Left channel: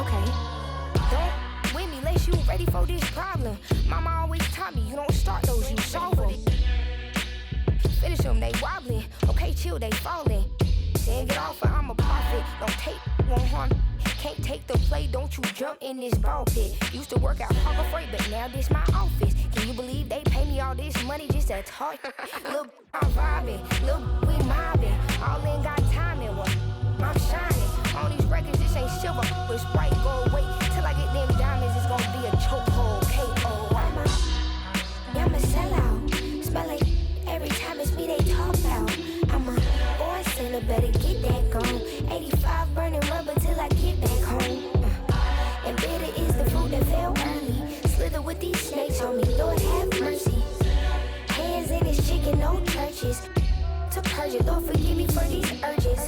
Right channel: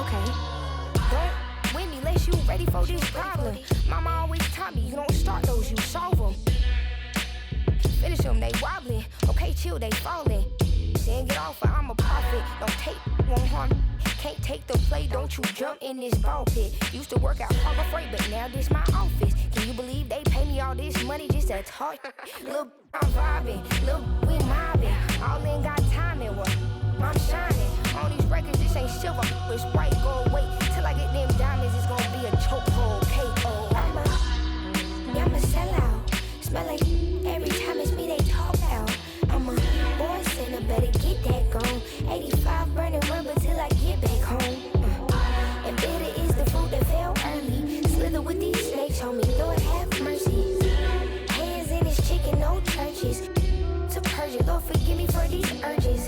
Okay. Don't with me unless you ready for this problem. Mama always taught me you don't start those, you solve them. Finish them, they wobbling. Okay, chill, they falling. Then get off, I'm a prophet. Don't take, won't harm. Can't take the play, don't you jump in this ball pit. Used to work out Harbor Freight, but now this my office. Can you believe they pay me all this money just to talk? Look, I'm vibing, look, we mobbing. All in got timing, what? I'm shining. On these records, this ain't silver, it's white gold. Wait till I get them diamonds, it's gonna be a chokehold. K.O. I'm a sellout. Smell like every time it's me they talk out. I'm a born sailor, better get that gone. 85 burning rubber till I get back home. And bitter is the food that fell early. Slither with these snakes on me, Lord have mercy. Hands in his chicken, no churches. To purge it, Lord forgive me for these urges.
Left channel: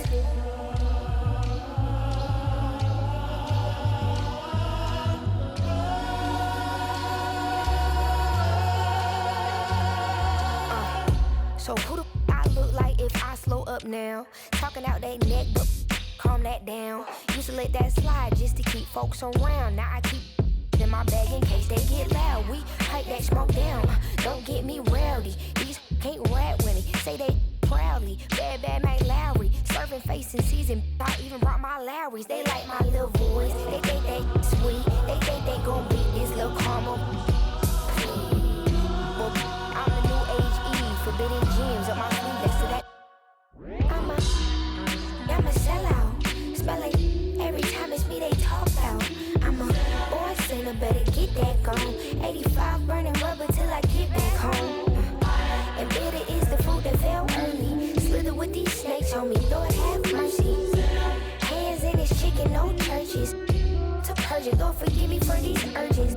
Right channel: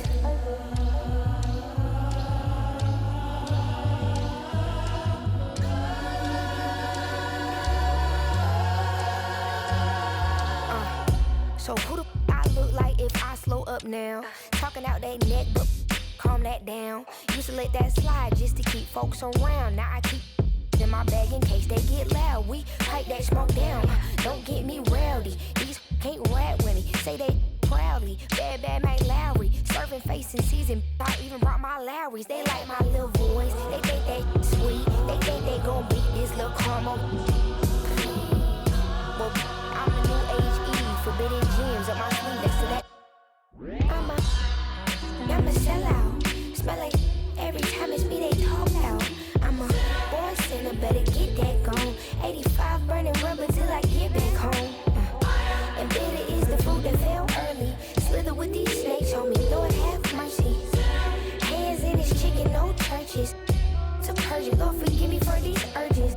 So who the I look like if I slow up now? Talking out that neck, but calm that down. Used to let that slide just to keep folks around. Now I keep in my bag in case they get loud. We pipe that smoke down. Don't get me rowdy. These can't rap with me. Say they proudly. Bad Mike Lowry. Serving face in season. I even brought my Lowrys. They like my little voice. They think they sweet. They think they gon' beat this little caramel. Well, I'm the new age Eve. Forbidden gems up my sleeve next to that. I'm a sellout. Smell like every time it's me they talk out. I'm a born sinner, better get that gone. 85 burning rubber till I get back home. And bitter is the food that fell early. Slither with these snakes on me, Lord have mercy. Hands in his chicken, no churches. To purge it, Lord forgive me for these urges.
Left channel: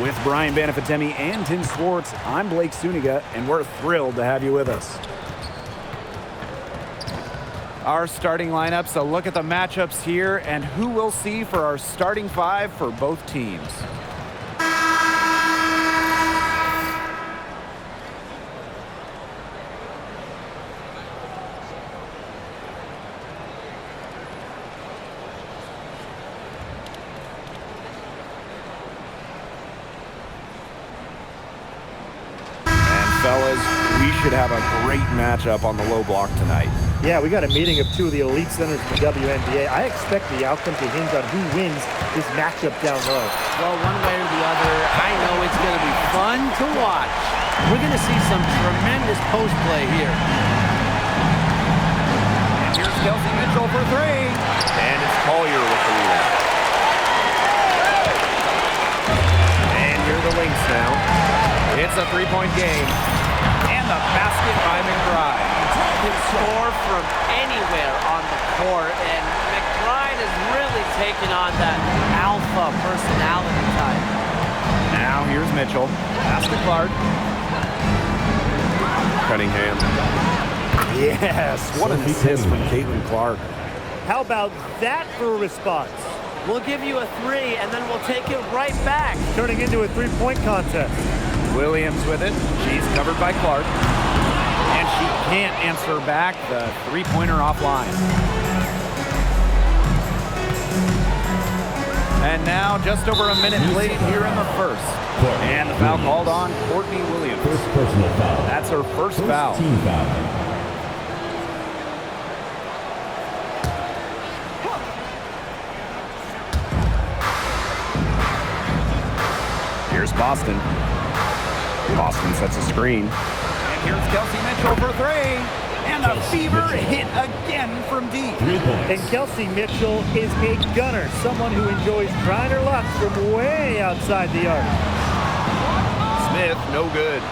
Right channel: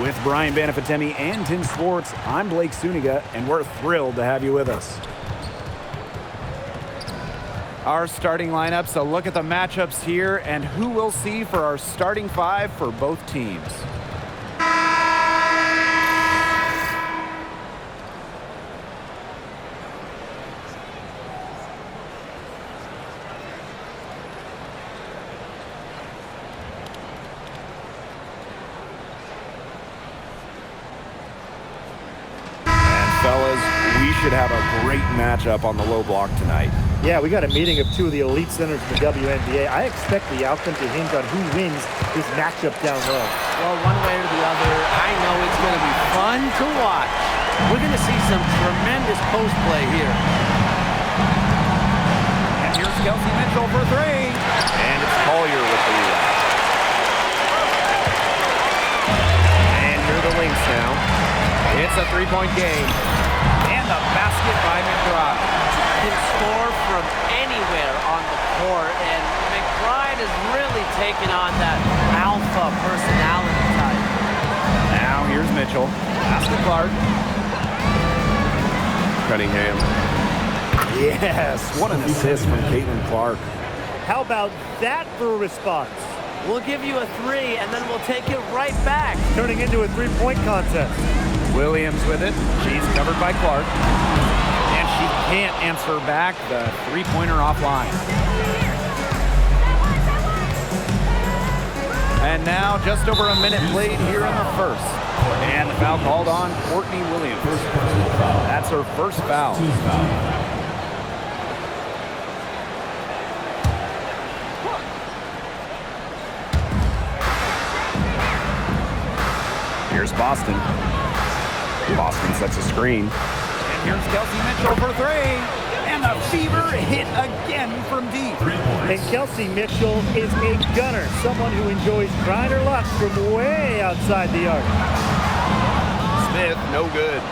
With Brian Banafatemi and Tim Swartz, I'm Blake Suniga, and we're thrilled to have you with us. Our starting lineups, a look at the matchups here, and who we'll see for our starting five for both teams. Fellas, we should have a great matchup on the low block tonight. Yeah, we got a meeting of two of the elite centers in the WNBA. I expect the outcome to hinge on who wins this matchup down low. Well, one way or the other, I know it's going to be fun to watch. We're going to see some tremendous post play here. And here's Kelsey Mitchell for three. And it's Collier with the rebound. And here are the Lynx now. It's a three-point game. And the basket by McBride. Can score from anywhere on the court, and McBride has really taken on that alpha personality type. Now here's Mitchell. Pass to Clark. Cunningham. Yes, what an assist from Caitlin Clark. How about that for a response? We'll give you a three, and then we'll take it right back. Turning into a three-point contest. Williams with it. She's covered by Clark. And she can't answer back the three-pointer offline. And now just over a minute played here in the first. And the foul called on Courtney Williams. First personal foul. That's her first foul. Team foul. Here's Boston. Boston sets a screen. And here's Kelsey Mitchell for three. And the fever hit again from deep. 3 points. And Kelsey Mitchell is a gunner, someone who enjoys trying her luck from way outside the arc. Smith, no good.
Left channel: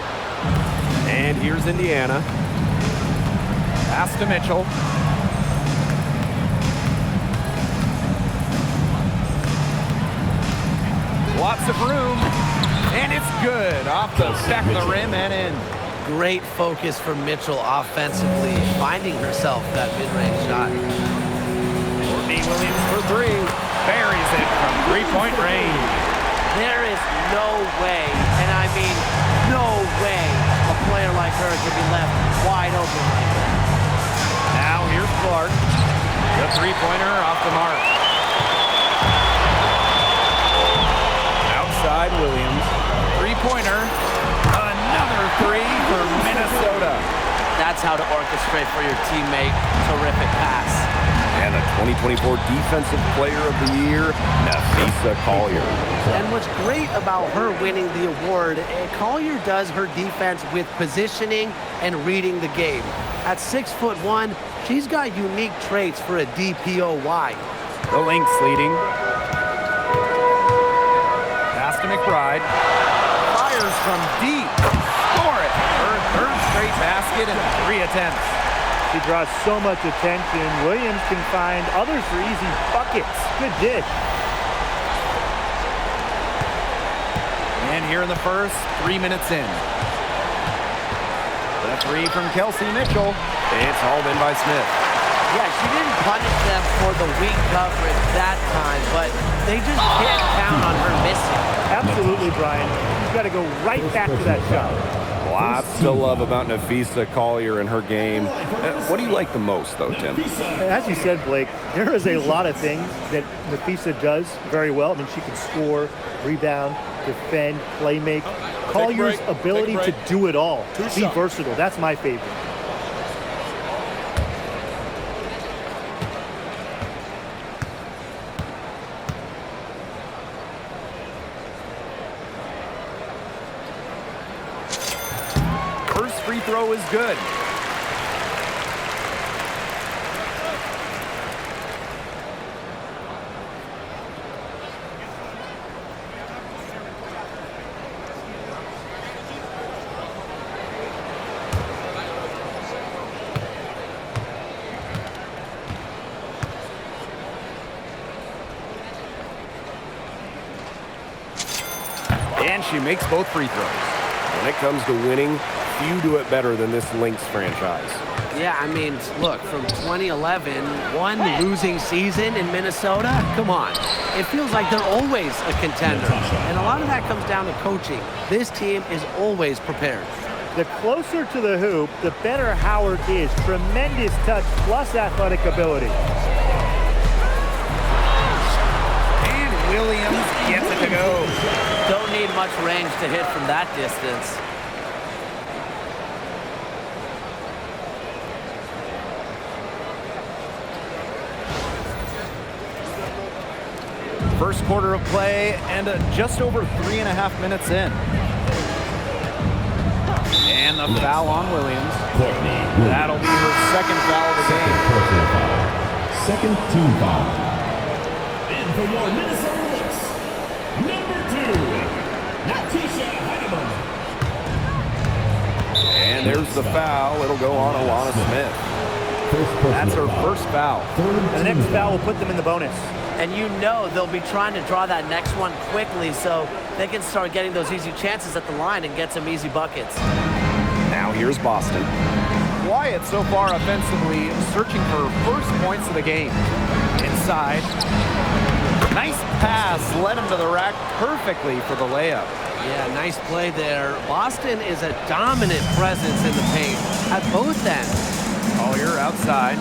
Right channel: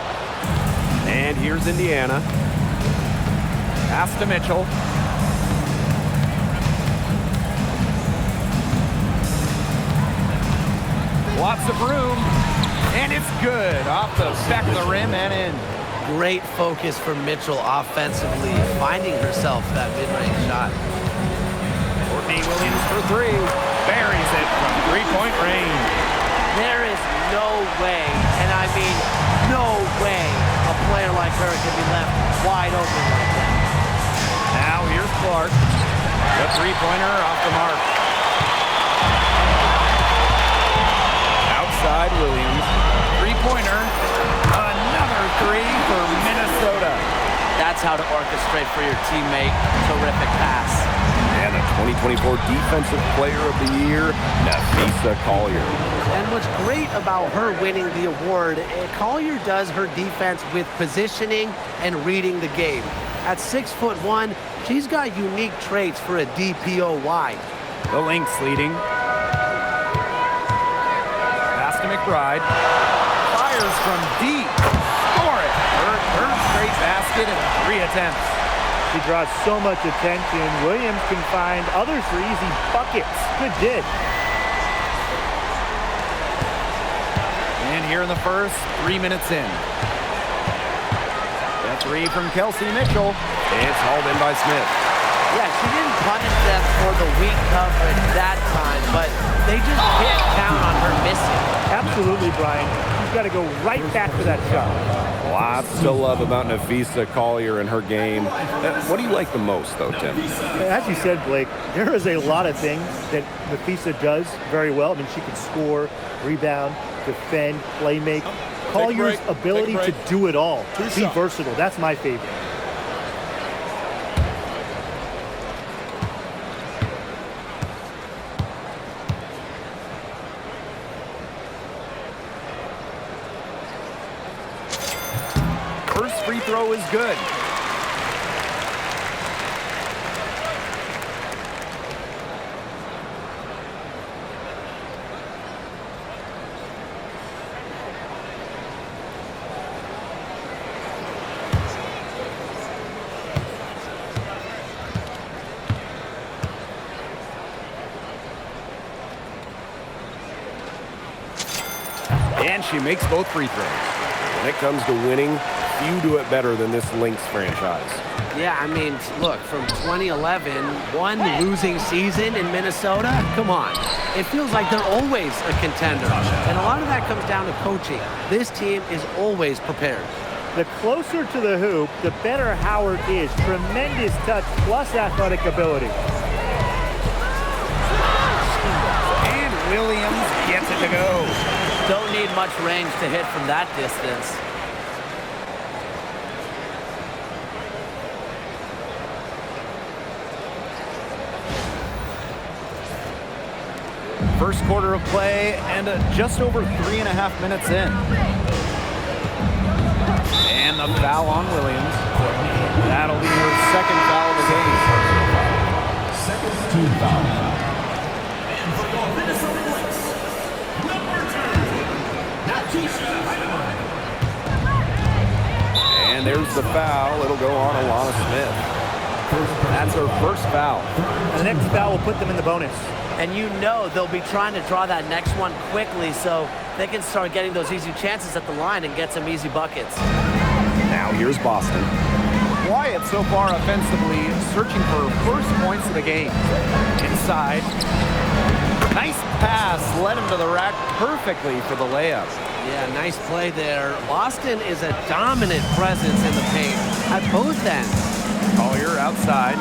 And here's Indiana. Pass to Mitchell. Lots of room. And it's good. Off the back of the rim and in. Great focus from Mitchell offensively, finding herself that mid-range shot. Courtney Williams for three. Buries it from three-point range. There is no way, and I mean no way, a player like her can be left wide open like that. Now here's Clark. The three-pointer off the mark. Outside Williams. Three-pointer. Another three for Minnesota. That's how to orchestrate for your teammate. Terrific pass. And a 2024 Defensive Player of the Year, Nafisa Collier. And what's great about her winning the award, Collier does her defense with positioning and reading the game. At 6'1", she's got unique traits for a DPOY. The Lynx leading. Pass to McBride. Fires from deep. Score it. Her third straight basket in 3 attempts. She draws so much attention. Williams can find others for easy buckets. Good dish. And here in the first, 3 minutes in. The three from Kelsey Mitchell. It's hauled in by Smith. Yeah, she didn't punish them for the weak coverage that time, but they just can't count on her missing. Absolutely, Brian. She's got to go right back to that shot. Lots to love about Nafisa Collier and her game. What do you like the most, though, Tim? As you said, Blake, there is a lot of things that Nafisa does very well. I mean, she can score, rebound, defend, play make. Collier's ability to do it all. Be versatile. That's my favorite. First free throw is good. And she makes both free throws. When it comes to winning, few do it better than this Lynx franchise. Yeah, I mean, look, from 2011, one losing season in Minnesota, come on. It feels like they're always a contender. And a lot of that comes down to coaching. This team is always prepared. The closer to the hoop, the better Howard is. Tremendous touch plus athletic ability. And Williams gets it to go. Don't need much range to hit from that distance. First quarter of play and just over 3.5 minutes in. And the foul on Williams. That'll be her second foul of the game. Second team foul. And for your Minnesota Lynx, number 2, Natisha Heinemann. And there's the foul. It'll go on Alana Smith. That's her first foul. And the next foul will put them in the bonus. And you know they'll be trying to draw that next one quickly so they can start getting those easy chances at the line and get some easy buckets. Now here's Boston. Wyatt so far offensively searching for first points of the game. Inside. Nice pass led him to the rack perfectly for the layup. Yeah, nice play there. Boston is a dominant presence in the paint at both ends. Collier outside.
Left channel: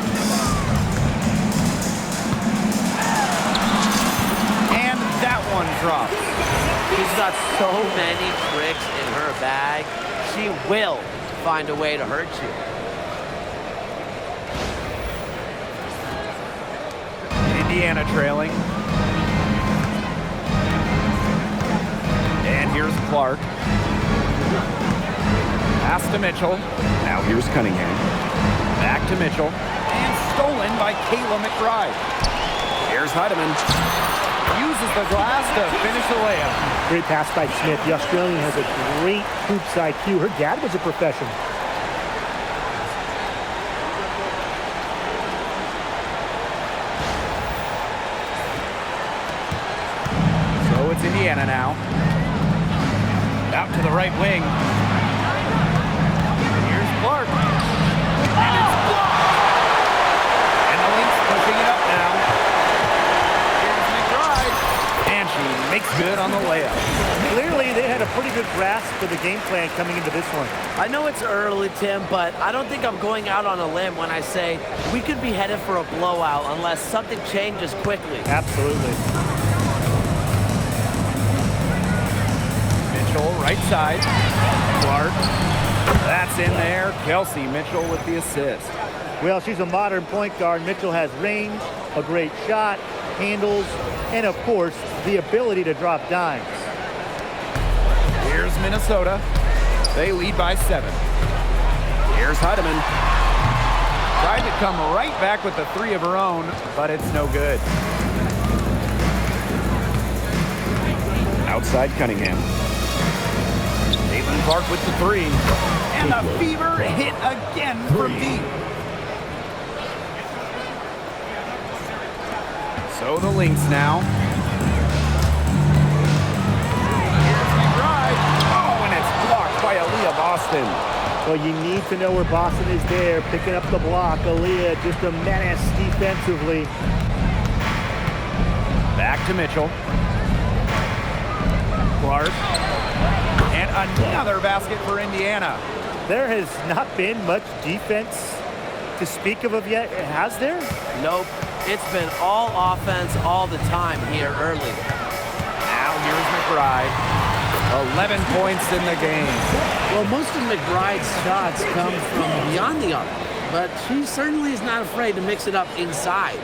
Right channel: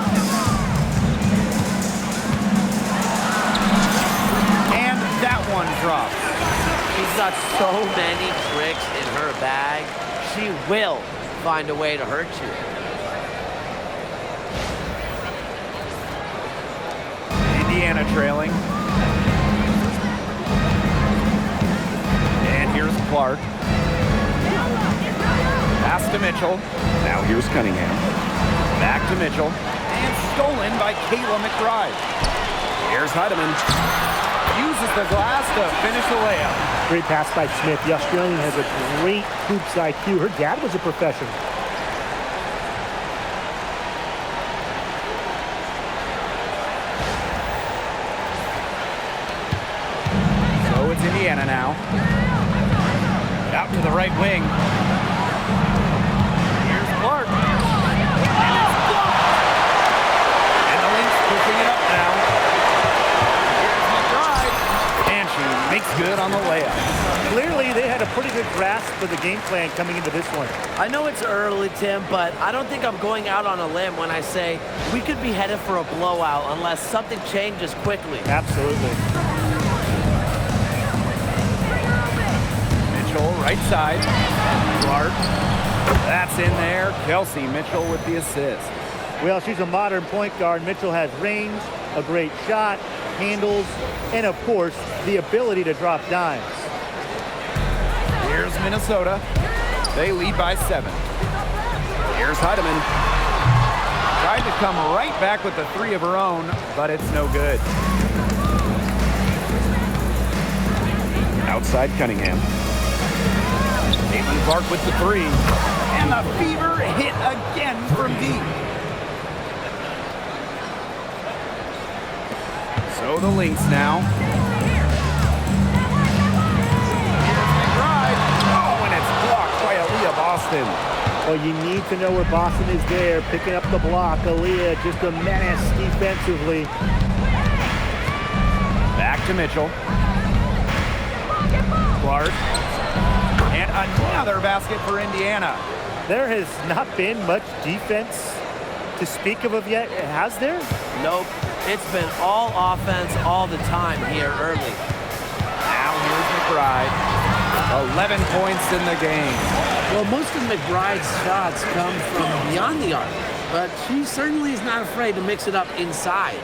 And that one drops. She's got so many tricks in her bag. She will find a way to hurt you. Indiana trailing. And here's Clark. Pass to Mitchell. Now here's Cunningham. Back to Mitchell. And stolen by Kayla McBride. Here's Heidemann. Uses the glass to finish the layup. Great pass by Smith. The Australian has a great hoops IQ. Her dad was a professional. So it's Indiana now. Out to the right wing. Here's Clark. And it's blocked. And the Lynx pushing it up now. Here's McBride. And she makes good on the layup. Clearly, they had a pretty good grasp of the game plan coming into this one. I know it's early, Tim, but I don't think I'm going out on a limb when I say we could be headed for a blowout unless something changes quickly. Absolutely. Mitchell, right side. Clark. That's in there. Kelsey, Mitchell with the assist. Well, she's a modern point guard. Mitchell has range, a great shot, handles, and of course, the ability to drop dimes. Here's Minnesota. They lead by 7. Here's Heidemann. Tried to come right back with the 3 of her own, but it's no good. Outside Cunningham. Caitlin Clark with the 3. And the Fever hit again from deep. So the Lynx now. Here's McBride. Oh, and it's blocked by Aaliyah Boston. Well, you need to know where Boston is there, picking up the block. Aaliyah just a menace defensively. Back to Mitchell. Clark. And another basket for Indiana. There has not been much defense to speak of yet, has there? Nope. It's been all offense all the time here early. Now here's McBride. 11 points in the game. Well, most of McBride's shots come from beyond the arc, but she certainly is not afraid to mix it up inside.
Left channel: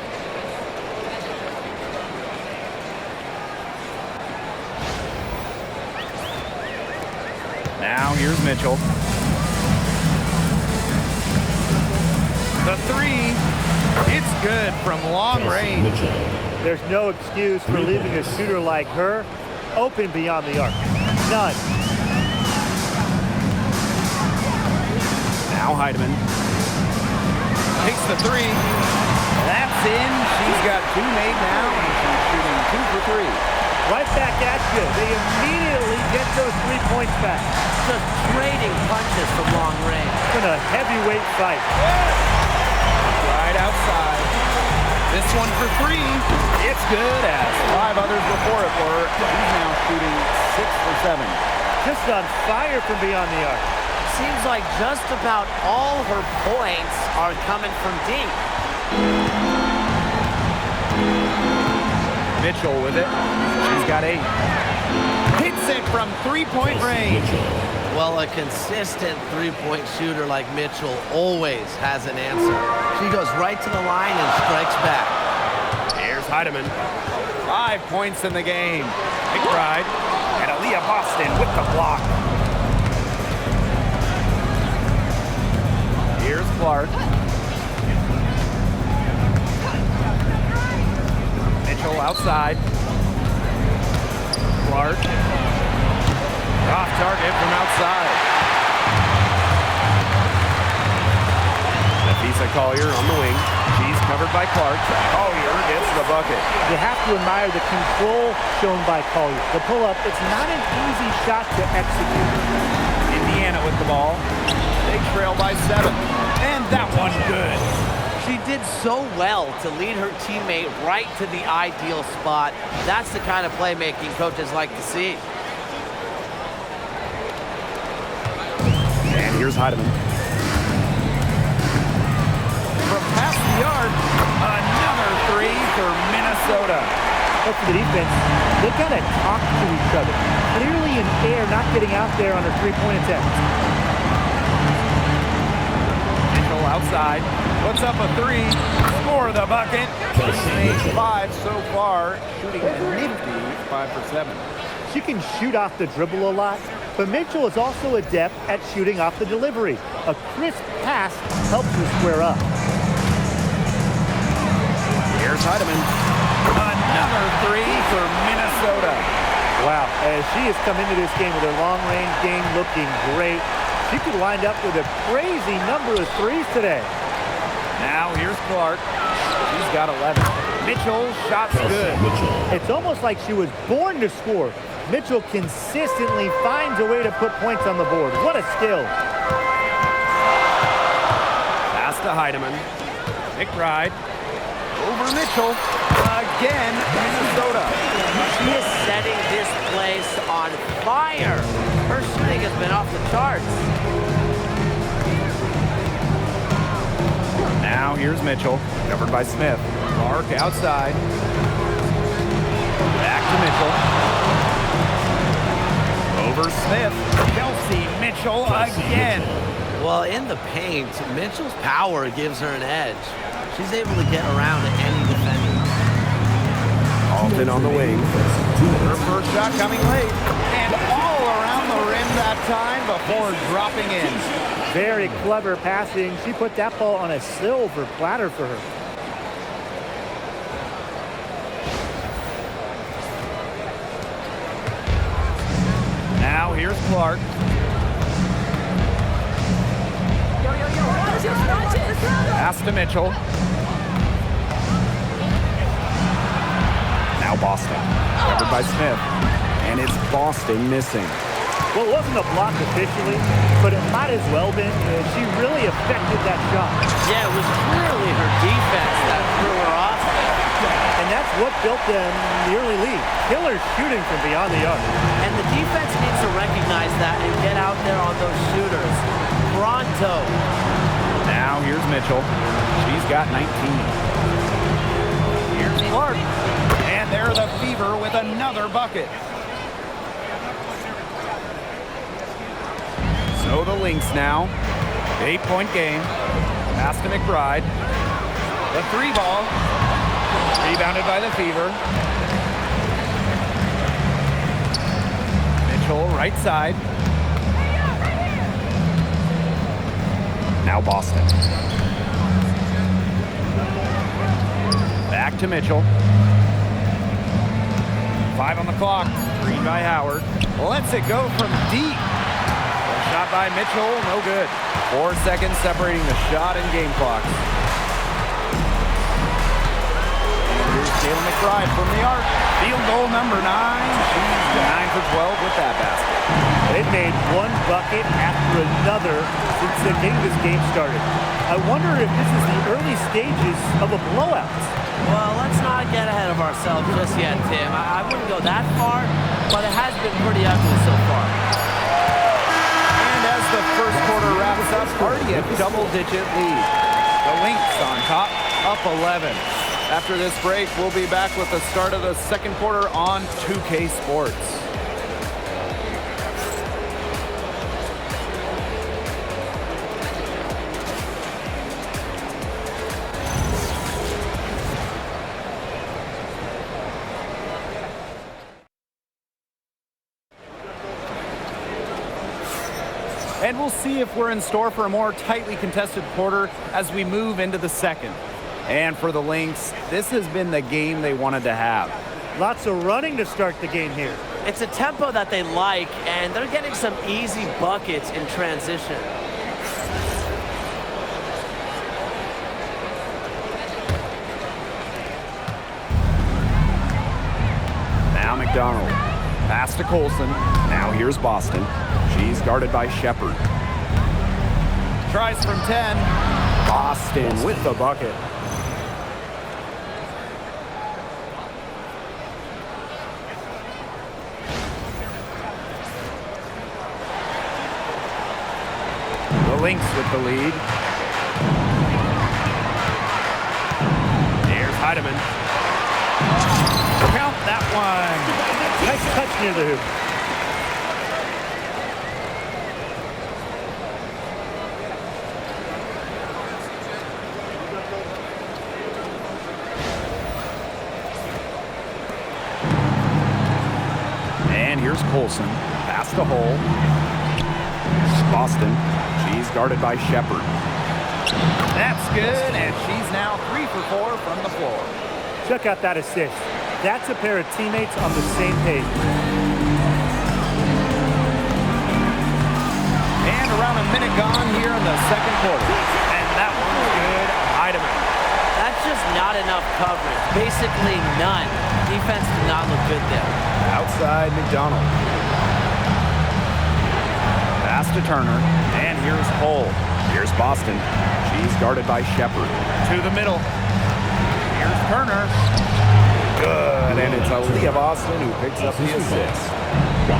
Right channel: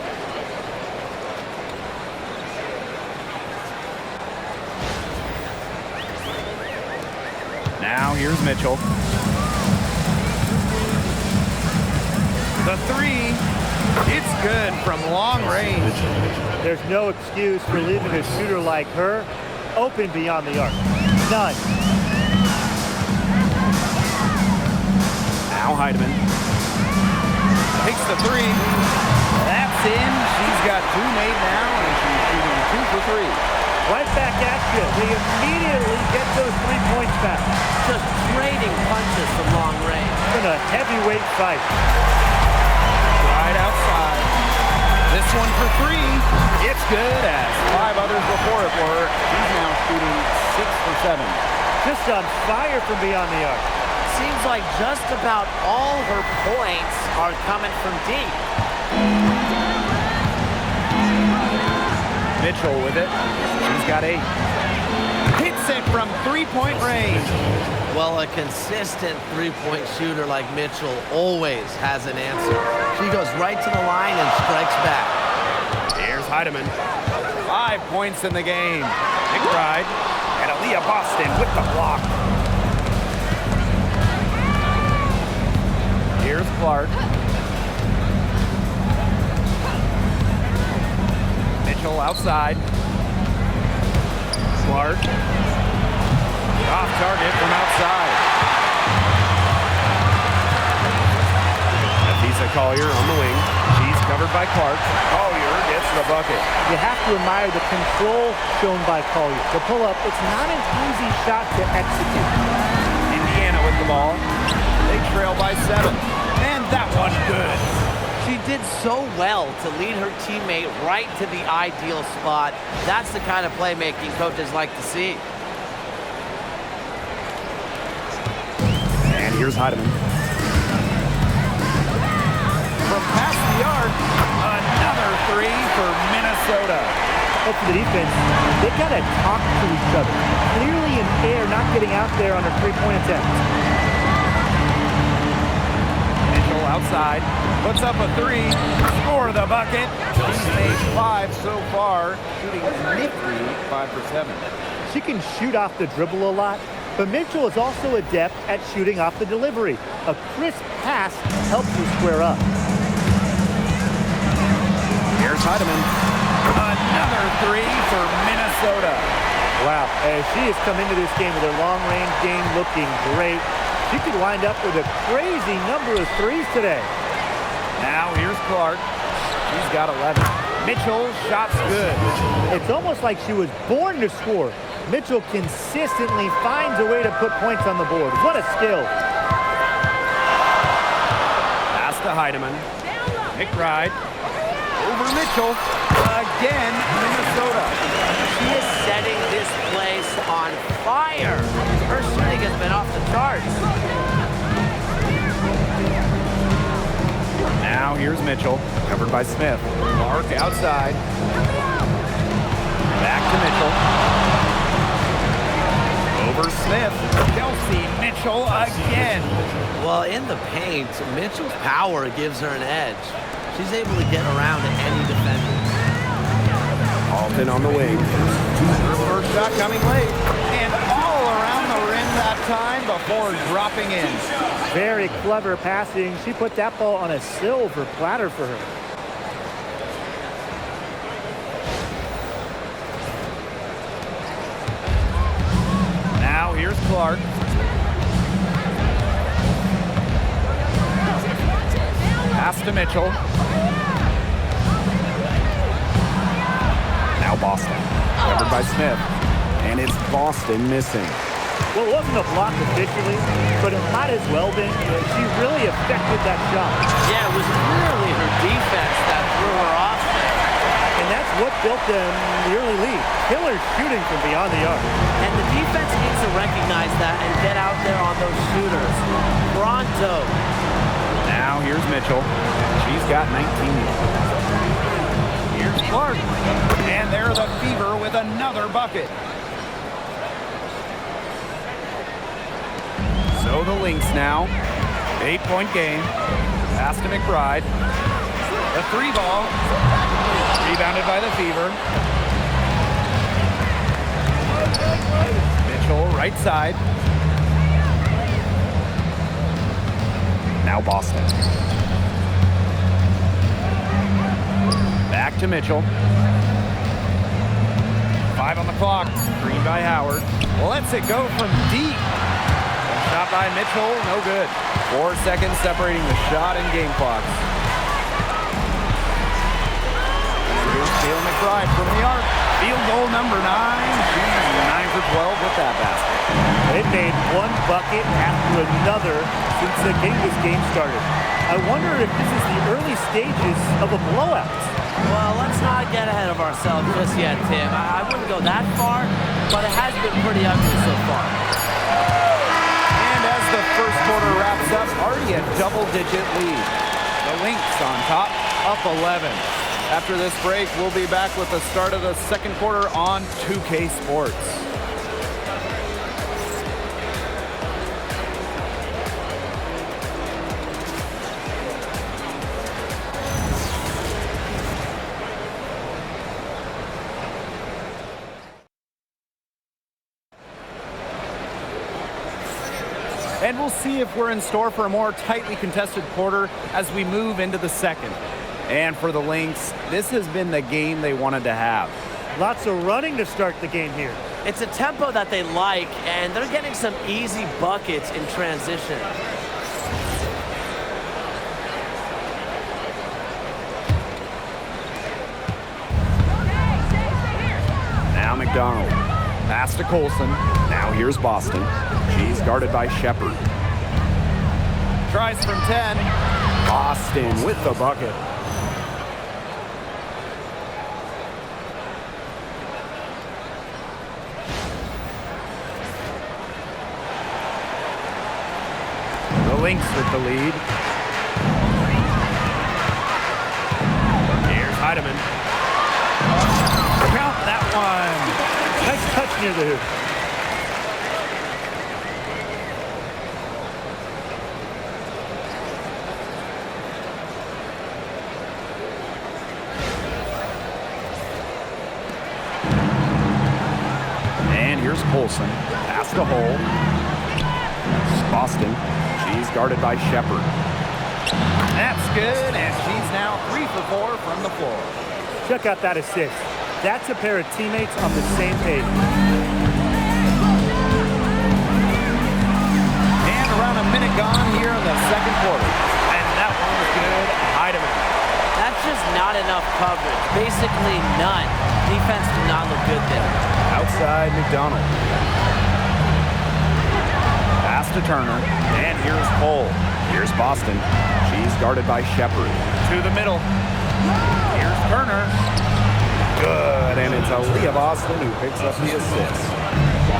Now here's Mitchell. The 3, it's good from long range. There's no excuse for leaving a shooter like her open beyond the arc. None. Now Heidemann takes the 3. That's in. She's got 2 made now, and she's shooting 2 for 3. Right back at you. They immediately get those 3 points back. Just trading punches from long range. It's been a heavyweight fight. Right outside. This one for 3. It's good, as 5 others before it were. She's now shooting 6 for 7. Just on fire from beyond the arc. Seems like just about all her points are coming from deep. Mitchell with it. She's got 8. Hits it from 3-point range. Well, a consistent three-point shooter like Mitchell always has an answer. She goes right to the line and strikes back. Here's Heidemann. 5 points in the game. McBride and Aaliyah Boston with the block. Here's Clark. Mitchell outside. Clark. Off target from outside. Nafisa Collier on the wing. She's covered by Clark. Collier gets the bucket. You have to admire the control shown by Collier. The pull-up, it's not an easy shot to execute. Indiana with the ball. They trail by 7. And that one good. She did so well to lead her teammate right to the ideal spot. That's the kind of playmaking coaches like to see. And here's Heidemann. From past the arc, another 3 for Minnesota. But for the defense, they gotta talk to each other. Clearly in air, not getting out there on her 3-point attempt. Mitchell outside, puts up a 3, score the bucket. She's made 5 so far, shooting a nifty 5 for 7. She can shoot off the dribble a lot, but Mitchell is also adept at shooting off the delivery. A crisp pass helps her square up. Here's Heidemann. Another three for Minnesota. Wow, she has come into this game with her long-range game looking great. She could wind up with a crazy number of threes today. Now here's Clark. She's got 11. Mitchell, shots good. It's almost like she was born to score. Mitchell consistently finds a way to put points on the board. What a skill. Pass to Heidemann. McBride. Over Mitchell. Again, Minnesota. She is setting this place on fire. Her shooting has been off the charts. Now here's Mitchell, covered by Smith. Clark outside. Back to Mitchell. Over Smith. Kelsey, Mitchell again. Well, in the paint, Mitchell's power gives her an edge. She's able to get around any defender. Alton on the wing. Her first shot coming late. And all around the rim that time before dropping in. Very clever passing. She put that ball on a silver platter for her. Now here's Clark. Pass to Mitchell. Now Boston. Covered by Smith. And it's Boston missing. Well, it wasn't a block officially, but it might as well been. She really affected that shot. Yeah, it was clearly her defense that threw her off there. And that's what built them the early lead. Killer shooting from beyond the arc. And the defense needs to recognize that and get out there on those shooters. Pronto. Now here's Mitchell. She's got 19. Here's Clark. And they're the Fever with another bucket. So the Lynx now. 8-point game. Pass to McBride. The three ball. Rebounded by the Fever. Mitchell right side. Now Boston. Back to Mitchell. 5 on the clock. Screen by Howard. Lets it go from deep. A shot by Mitchell, no good. 4 seconds separating the shot and game clocks. And here's Kayla McBride from the arc. Field goal number 9. She's 9 for 12 with that basket. They've made one bucket after another since this game started. I wonder if this is the early stages of a blowout. Well, let's not get ahead of ourselves just yet, Tim. I wouldn't go that far, but it has been pretty ugly so far. And as the first quarter wraps up, already a double-digit lead. The Lynx on top, up 11. After this break, we'll be back with the start of the second quarter on 2K Sports. And we'll see if we're in store for a more tightly contested quarter as we move into the second. And for the Lynx, this has been the game they wanted to have. Lots of running to start the game here. It's a tempo that they like, and they're getting some easy buckets in transition. Now McDonald. Pass to Colson. Now here's Boston. She's guarded by Shepard. Tries from 10. Boston with the bucket. The Lynx with the lead. Here's Heidemann. Count that one. Nice touch near the hoop. And here's Colson. Pass Pass to Hole. Boston. She's guarded by Shepard. That's good, and she's now 3 for 4 from the floor. Check out that assist. That's a pair of teammates on the same page. And around a minute gone here in the second quarter. And that one's good. Heidemann. That's just not enough coverage. Basically none. Defense did not look good there. Outside McDonald. Pass to Turner. And here's Cole. Here's Boston. She's guarded by Shepard. To the middle. Here's Turner. Good, and it's Aaliyah Boston who picks up the assist.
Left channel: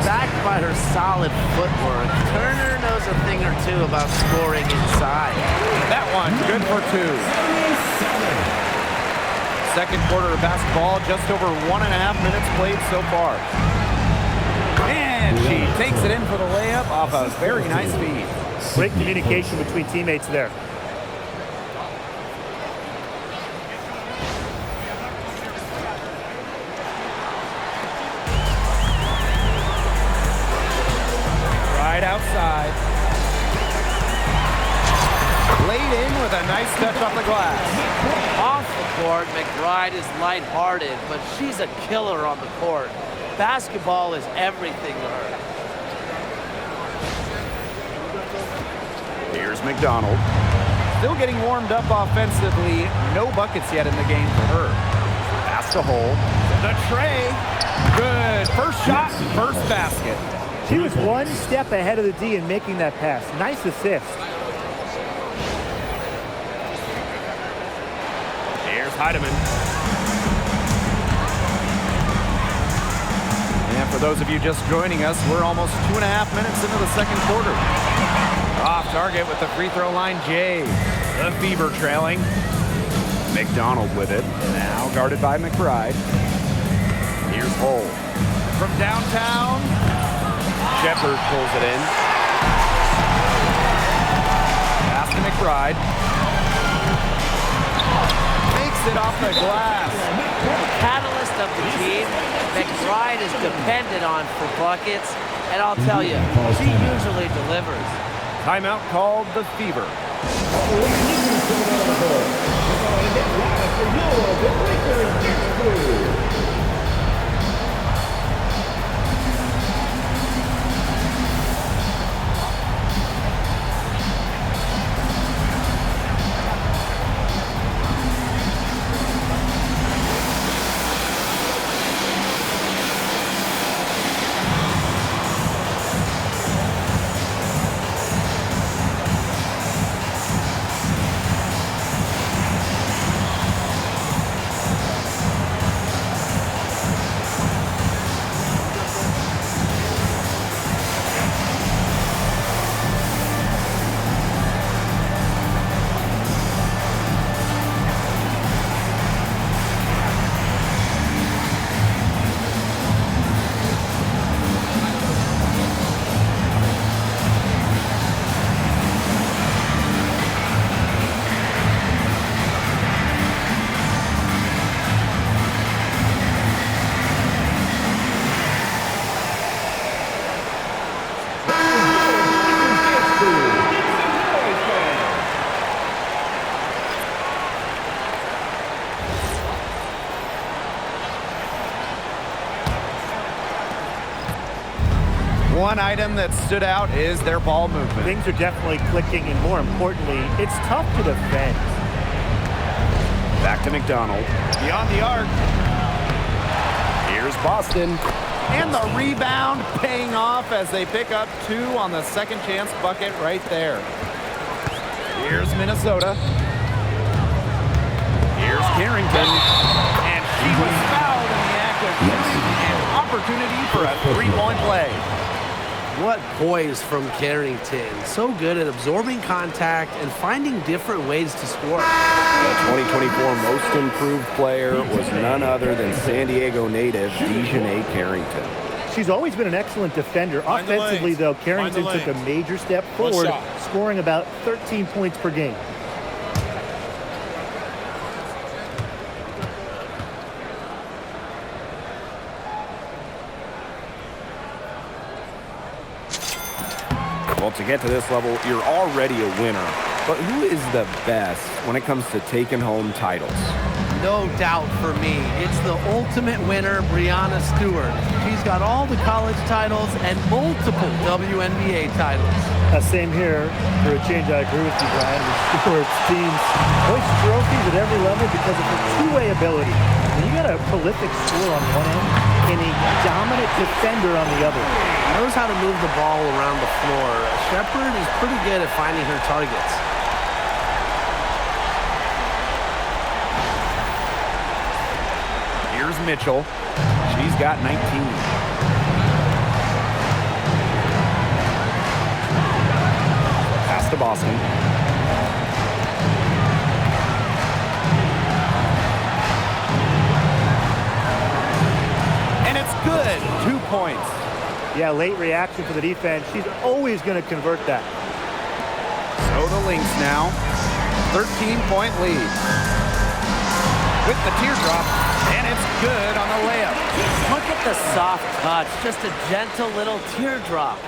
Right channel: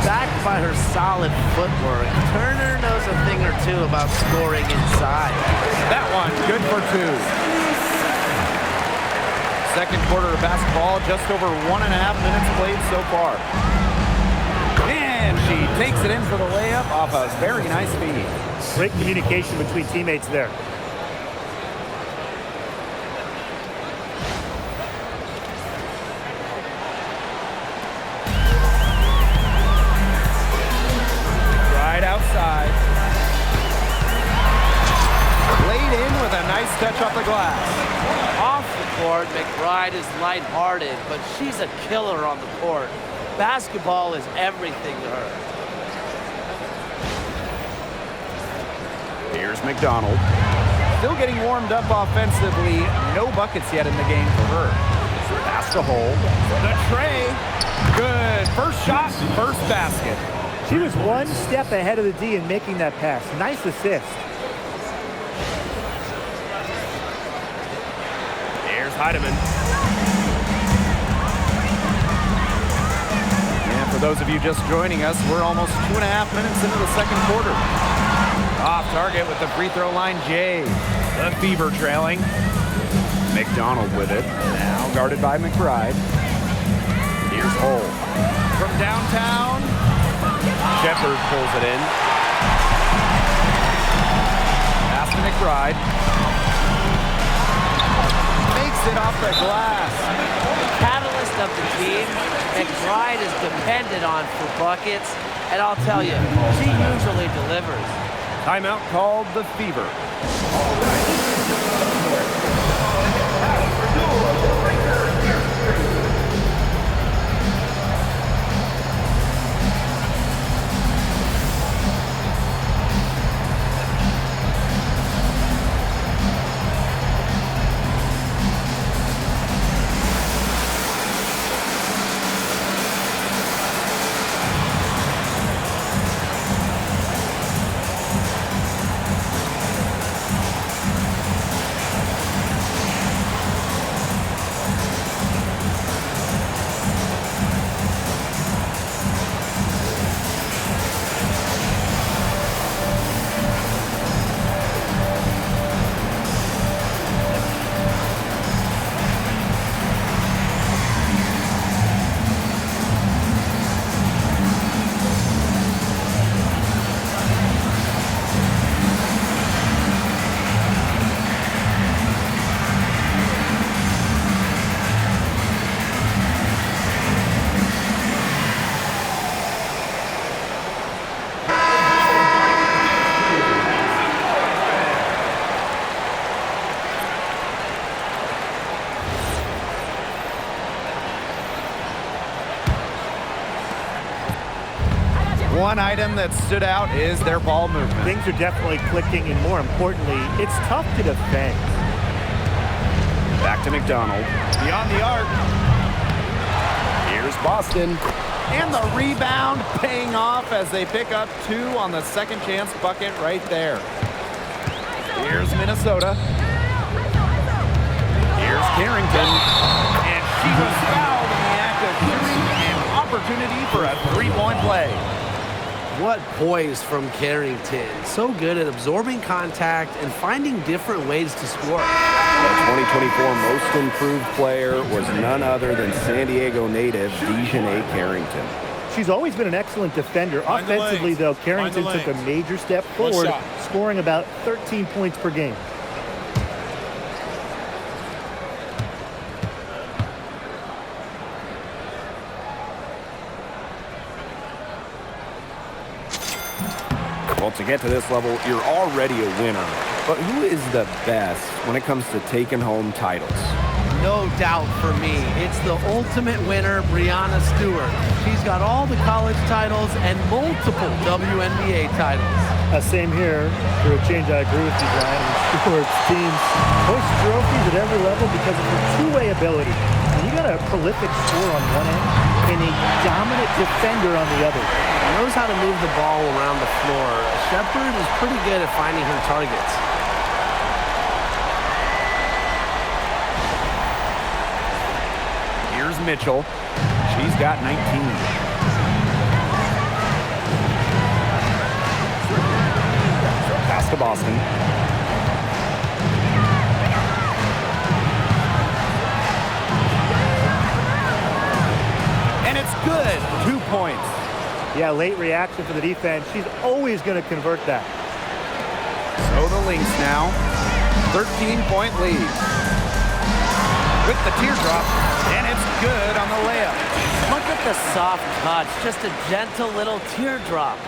Backed by her solid footwork, Turner knows a thing or two about scoring inside. That one, good for 2. Second quarter of basketball, just over 1.5 minutes played so far. And she takes it in for the layup off a very nice feed. Great communication between teammates there. Right outside. Laid in with a nice touch off the glass. Off the court, McBride is lighthearted, but she's a killer on the court. Basketball is everything to her. Here's McDonald. Still getting warmed up offensively. No buckets yet in the game for her. Pass to Hole. The tray. Good. First shot, first basket. She was one step ahead of the D in making that pass. Nice assist. Here's Heidemann. And for those of you just joining us, we're almost 2.5 minutes into the second quarter. Off target with the free throw line, Jay. The Fever trailing. McDonald with it. Now guarded by McBride. Here's Hole. From downtown, Shepard pulls it in. pass to McBride. Makes it off the glass. The catalyst of the team, McBride is depended on for buckets, and I'll tell you, she usually delivers. Timeout called the Fever. One item that stood out is their ball movement. Things are definitely clicking, and more importantly, it's tough to defend. Back to McDonald. Beyond the arc. Here's Boston. And the rebound paying off as they pick up 2 on the second chance bucket right there. Here's Minnesota. Here's Carrington. And she was fouled in the act of shooting, an opportunity for a 3-point play. What poise from Carrington. So good at absorbing contact and finding different ways to score. The 2024 Most Improved Player was none other than San Diego native Dejanay Carrington. She's always been an excellent defender. Offensively, though, Carrington took a major step forward, scoring about 13 points per game. Well, to get to this level, you're already a winner. But who is the best when it comes to taking home titles? No doubt for me, it's the ultimate winner, Breanna Stewart. She's got all the college titles and multiple WNBA titles. Same here. For a change, I agree with you, Brian. Stewart's teams hoist trophies at every level because of her two-way ability. When you got a prolific scorer on one end and a dominant defender on the other. Knows how to move the ball around the floor. Shepherd is pretty good at finding her targets. Here's Mitchell. She's got 19. Pass to Boston. And it's good. 2 points. Yeah, late reaction for the defense. She's always going to convert that. So the Lynx now. 13-point lead. With the teardrop, and it's good on the layup. Look at the soft touch, just a gentle little teardrop.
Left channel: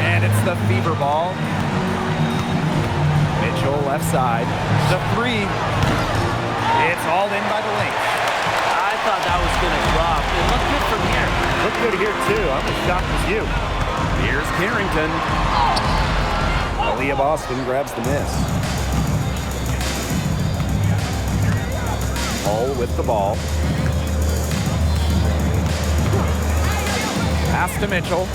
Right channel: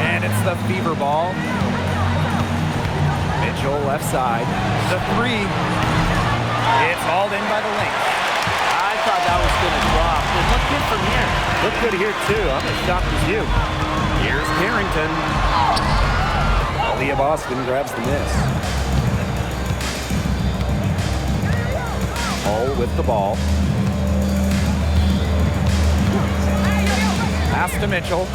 And it's the fever ball. Mitchell left side. The three. It's hauled in by the Lynx. I thought that was going to drop. It looked good from here. Looked good here, too. I'm as shocked as you. Here's Carrington. Aaliyah Boston grabs the miss. Hull with the ball. Pass to Mitchell.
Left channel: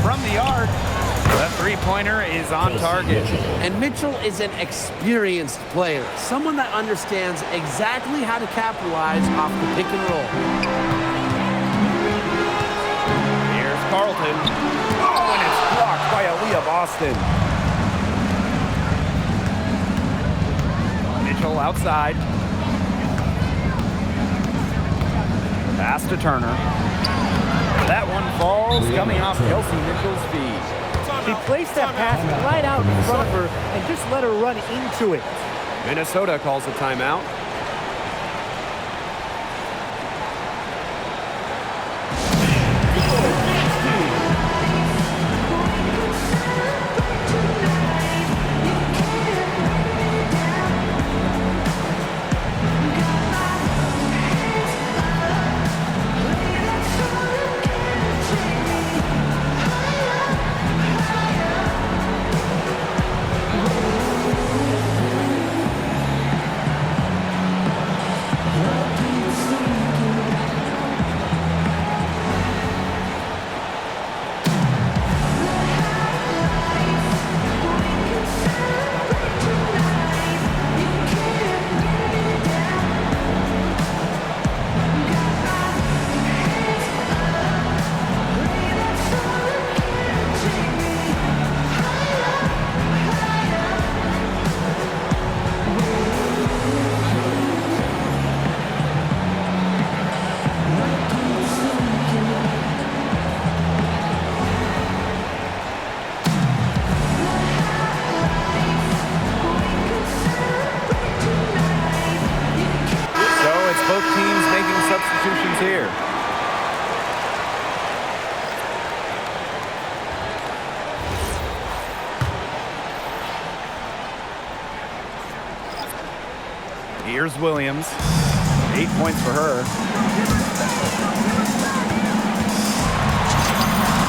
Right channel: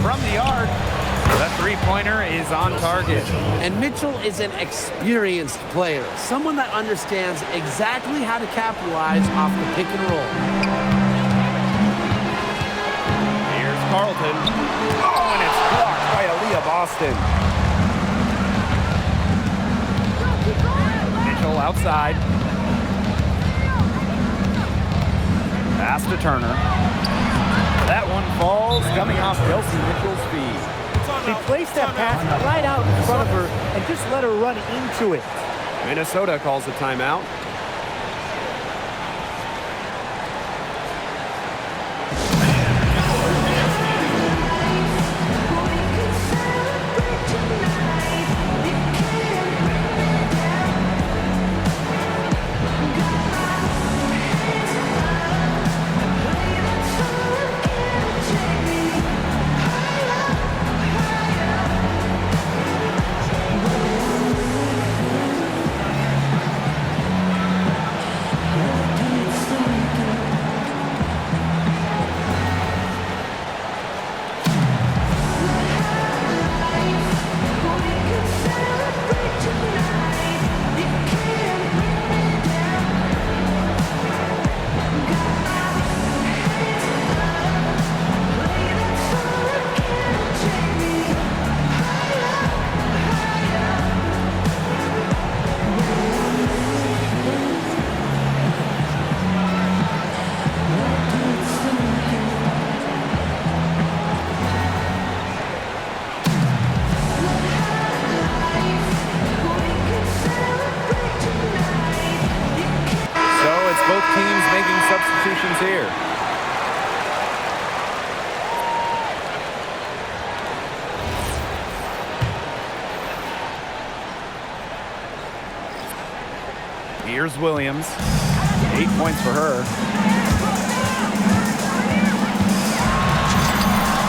From the yard. The three-pointer is on target. And Mitchell is an experienced player, someone that understands exactly how to capitalize off the pick and roll. Here's Carlton. Oh, and it's blocked by Aaliyah Boston. Mitchell outside. Pass to Turner. That one falls, coming off Kelsey Mitchell's feet. She placed that pass right out in front of her and just let her run into it. Minnesota calls a timeout. It's both teams making substitutions here. Here's Williams. 8 points for her.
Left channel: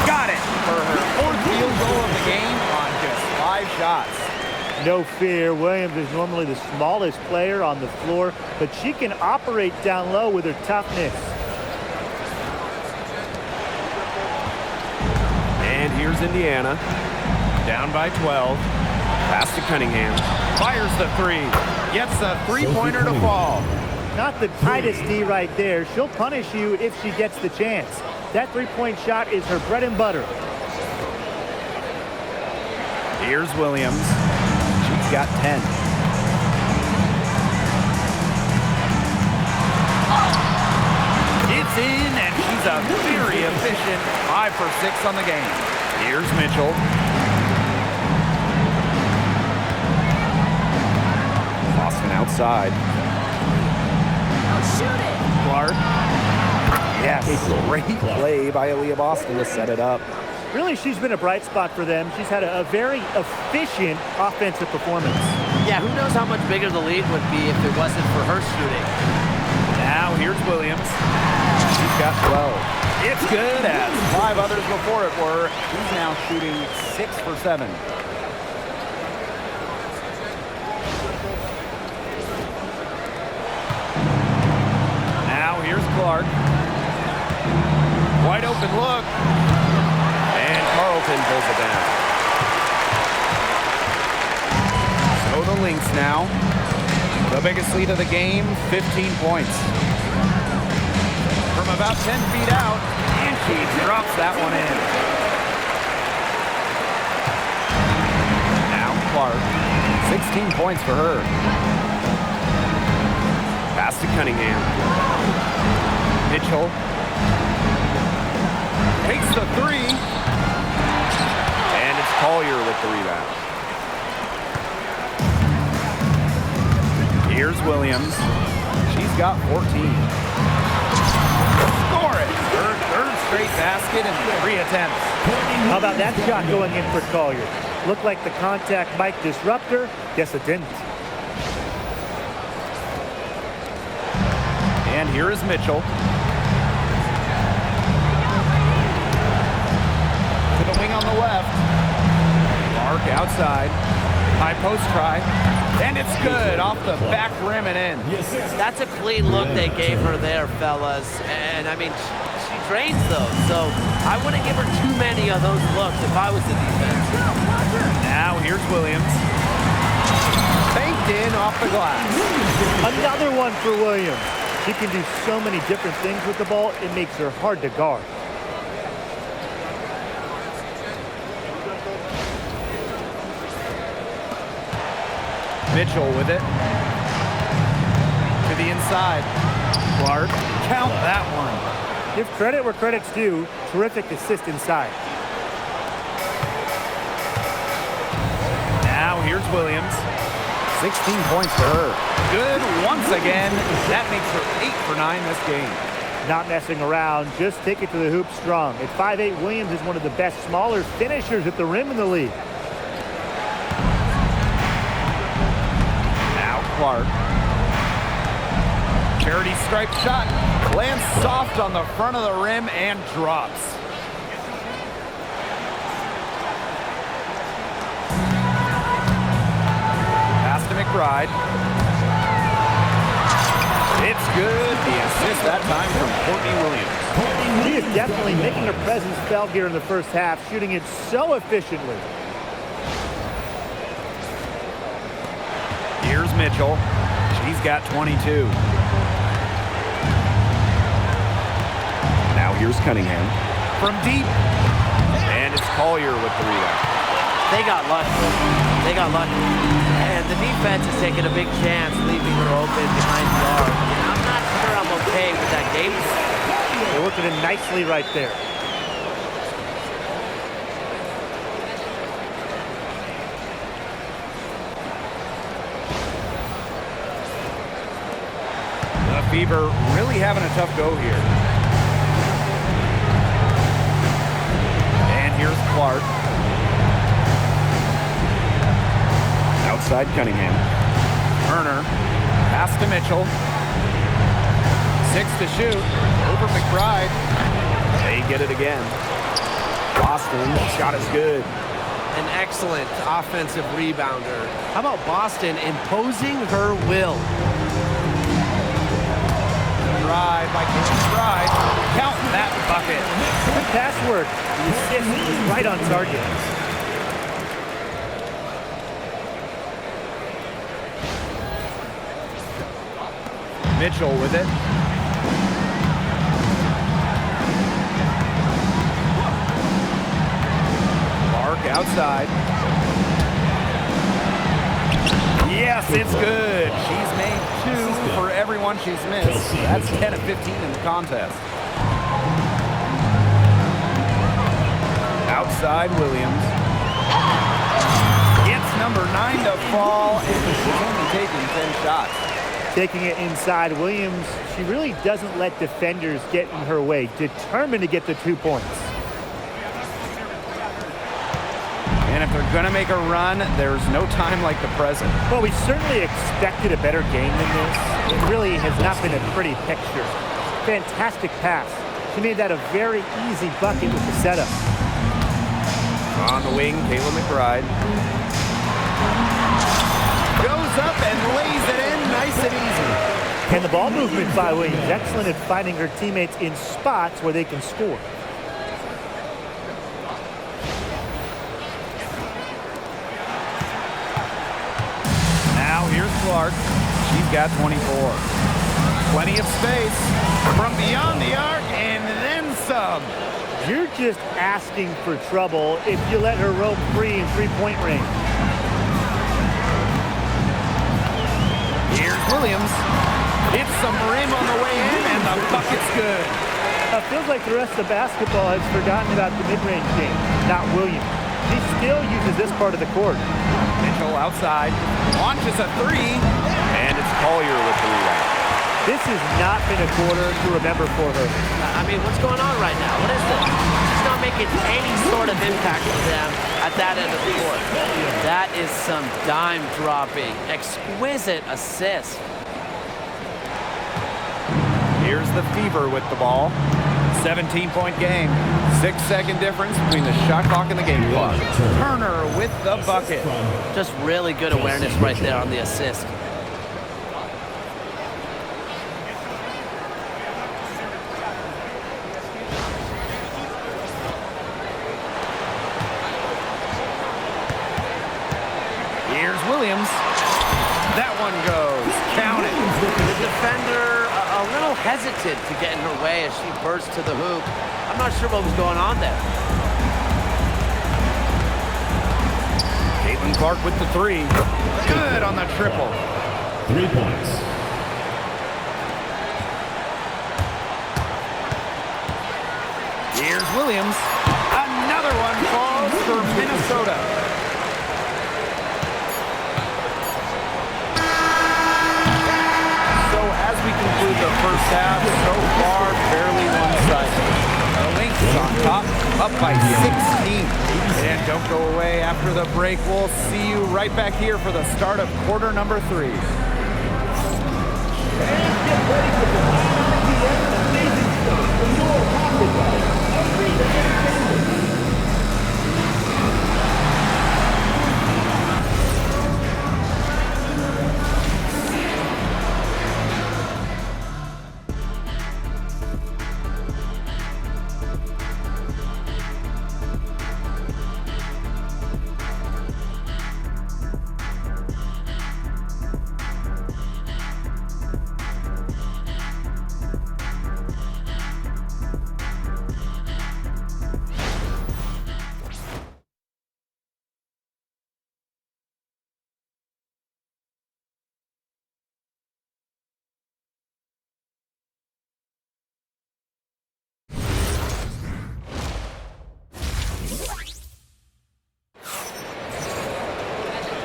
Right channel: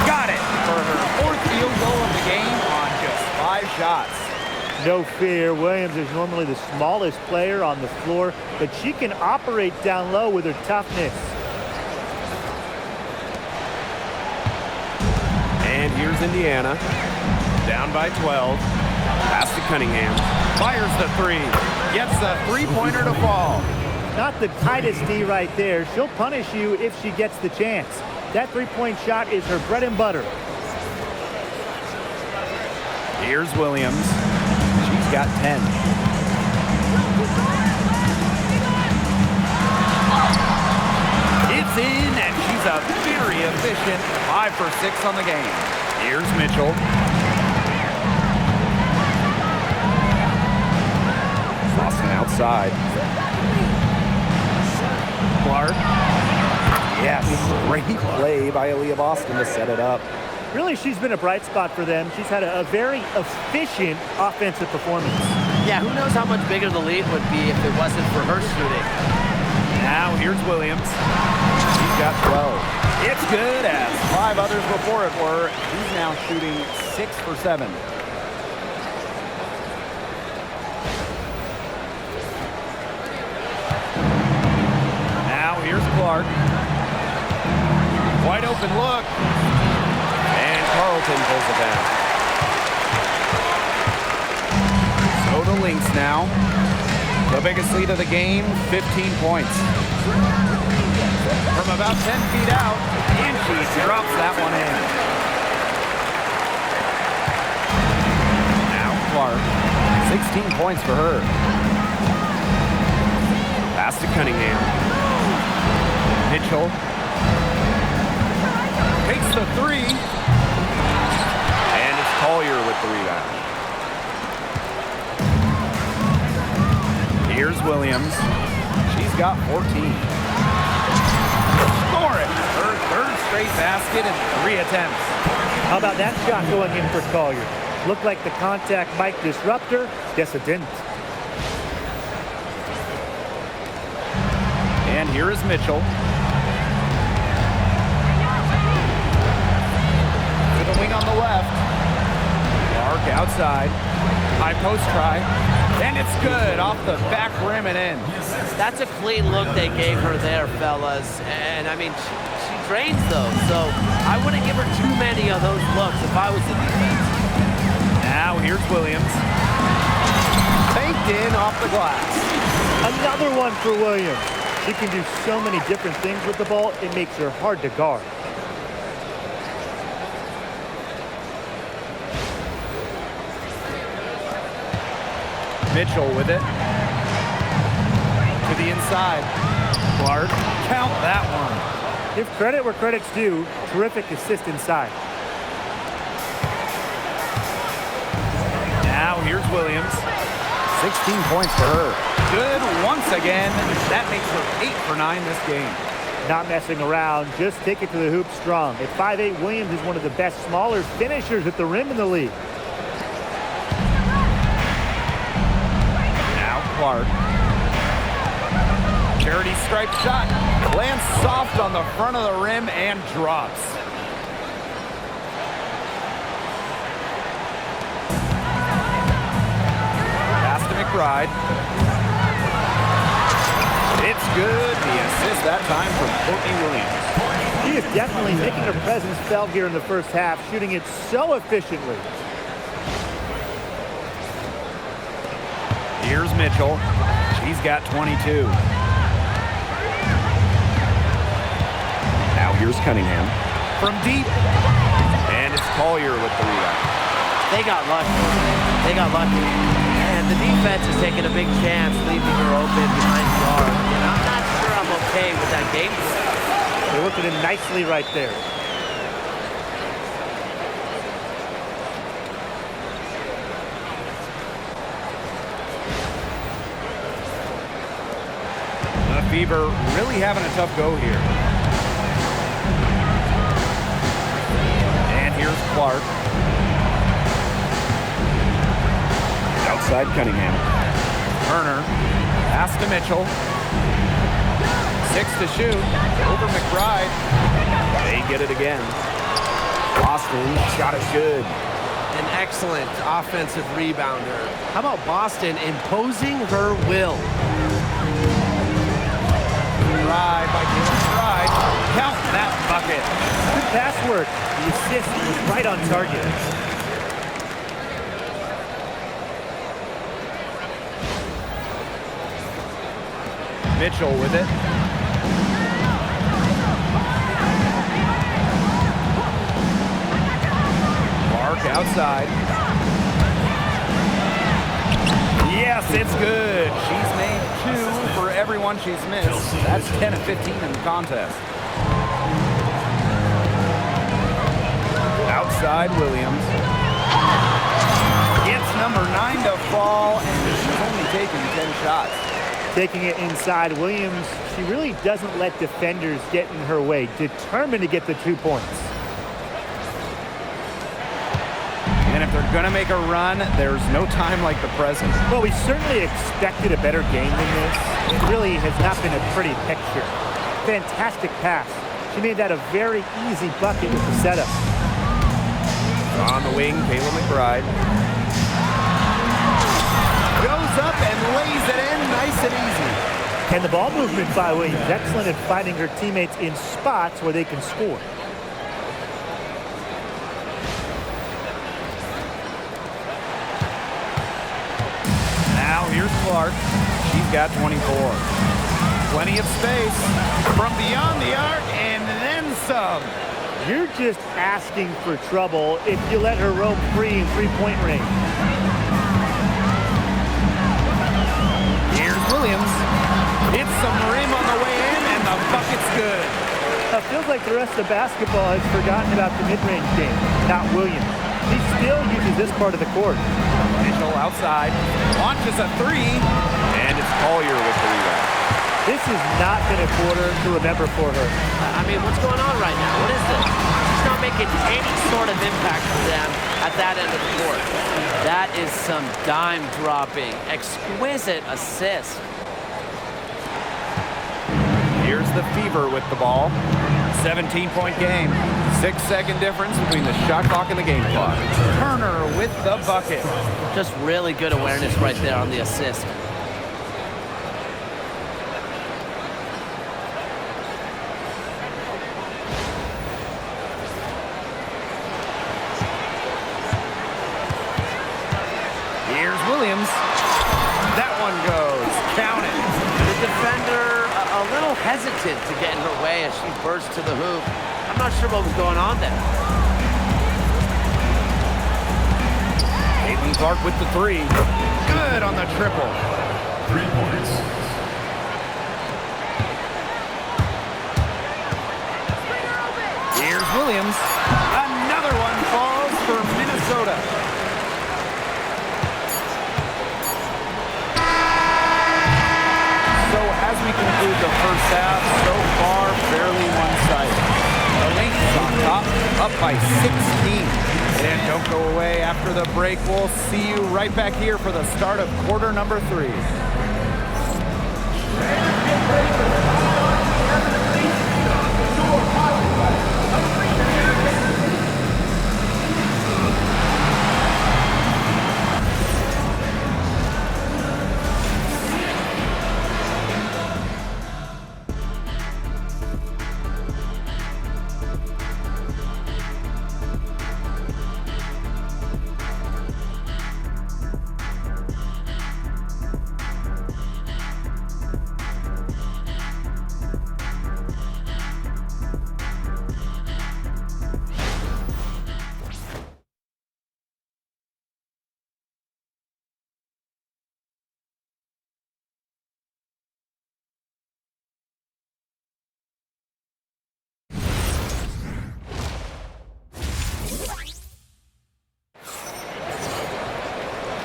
Got it for her fourth field goal of the game on just 5 shots. No fear. Williams is normally the smallest player on the floor, but she can operate down low with her toughness. And here's Indiana. Down by 12. Pass to Cunningham. Fires the three. Gets the three-pointer to fall. Not the tightest D right there. She'll punish you if she gets the chance. That three-point shot is her bread and butter. Here's Williams. She's got 10. It's in, and she's a very efficient 5 for 6 on the game. Here's Mitchell. Boston outside. Clark. Yes, Great play by Aaliyah Boston to set it up. Really, she's been a bright spot for them. She's had a very efficient offensive performance. Yeah, who knows how much bigger the lead would be if it wasn't for her shooting. Now here's Williams. She's got 12. It's good, as 5 others before it were. She's now shooting 6 for 7. Now here's Clark. Wide open look. And Carlton pulls it down. So the Lynx now. The biggest lead of the game, 15 points. From about 10 feet out, and she drops that one in. Now Clark, 16 points for her. Pass to Cunningham. Mitchell takes the 3. And it's Collier with the rebound. Here's Williams. She's got 14. Score it! Her 3rd straight basket in 3 attempts. How about that shot going in for Collier? Looked like the contact might disrupt her. Guess it didn't. And here is Mitchell. To the wing on the left. Clark outside. High post try. And it's good off the back rim and in. That's a clean look they gave her there, fellas. And, I mean, she drains those. So I wouldn't give her too many of those looks if I was the defense. Now here's Williams. Banked in off the glass. Another one for Williams. She can do so many different things with the ball, it makes her hard to guard. Mitchell with it. To the inside. Clark, count that one. Give credit where credit's due. Terrific assist inside. Now here's Williams. 16 points for her. Good once again. That makes her 8 for 9 this game. Not messing around, just take it to the hoop strong. At 5'8", Williams is one of the best smaller finishers at the rim in the league. Now Clark. Charity stripe shot. Lands soft on the front of the rim and drops. Pass to McBride. It's good. The assist that time from Courtney Williams. She is definitely making her presence felt here in the first half, shooting it so efficiently. Here's Mitchell. She's got 22. Now here's Cunningham. From deep. And it's Collier with the rebound. They got lucky. They got lucky. And the defense is taking a big chance, leaving her open behind the arc. And I'm not sure I'm okay with that game plan. They're working it nicely right there. The Fever really having a tough go here. And here's Clark. Outside Cunningham. Turner. Pass to Mitchell. 6 to shoot. Over McBride. They get it again. Boston, shot is good. An excellent offensive rebounder. How about Boston imposing her will? Drive by Kayla McBride. Count that bucket. Good pass work. The assist was right on target. Mitchell with it. Clark outside. Yes, it's good. She's made 2 for everyone she's missed. That's 10 of 15 in the contest. Outside Williams. Gets number 9 to fall, and she's only taken 10 shots. Taking it inside, Williams, she really doesn't let defenders get in her way. Determined to get the 2 points. And if they're going to make a run, there's no time like the present. Well, we certainly expected a better game than this. It really has not been a pretty picture. Fantastic pass. She made that a very easy bucket with the setup. On the wing, Kayla McBride. Goes up and lays it in nice and easy. And the ball movement by Williams, excellent at finding her teammates in spots where they can score. Now here's Clark. She's got 24. Plenty of space from beyond the arc and then some. You're just asking for trouble if you let her roam free in three-point range. Here's Williams. Hits some rim on the way in, and the bucket's good. Feels like the rest of basketball has forgotten about the mid-range game, not Williams. She still uses this part of the court. Mitchell outside, launches a three, and it's Collier with the rebound. This has not been a quarter to remember for her. I mean, what's going on right now? What is this? She's not making any sort of impact for them at that end of the court. That is some dime dropping, exquisite assist. Here's the Fever with the ball. 17-point game. 6-second difference between the shot clock and the game clock. Turner with the bucket. Just really good awareness right there on the assist. Here's Williams. That one goes. Count it. The defender a little hesitant to get in her way as she burst to the hoop. I'm not sure what was going on there. Caitlin Clark with the three. Good on the triple. 3 points. Here's Williams. Another one falls for Minnesota. So as we conclude the first half, so far fairly one-sided. The Lynx on top, up by 16. And don't go away after the break. We'll see you right back here for the start of quarter number 3.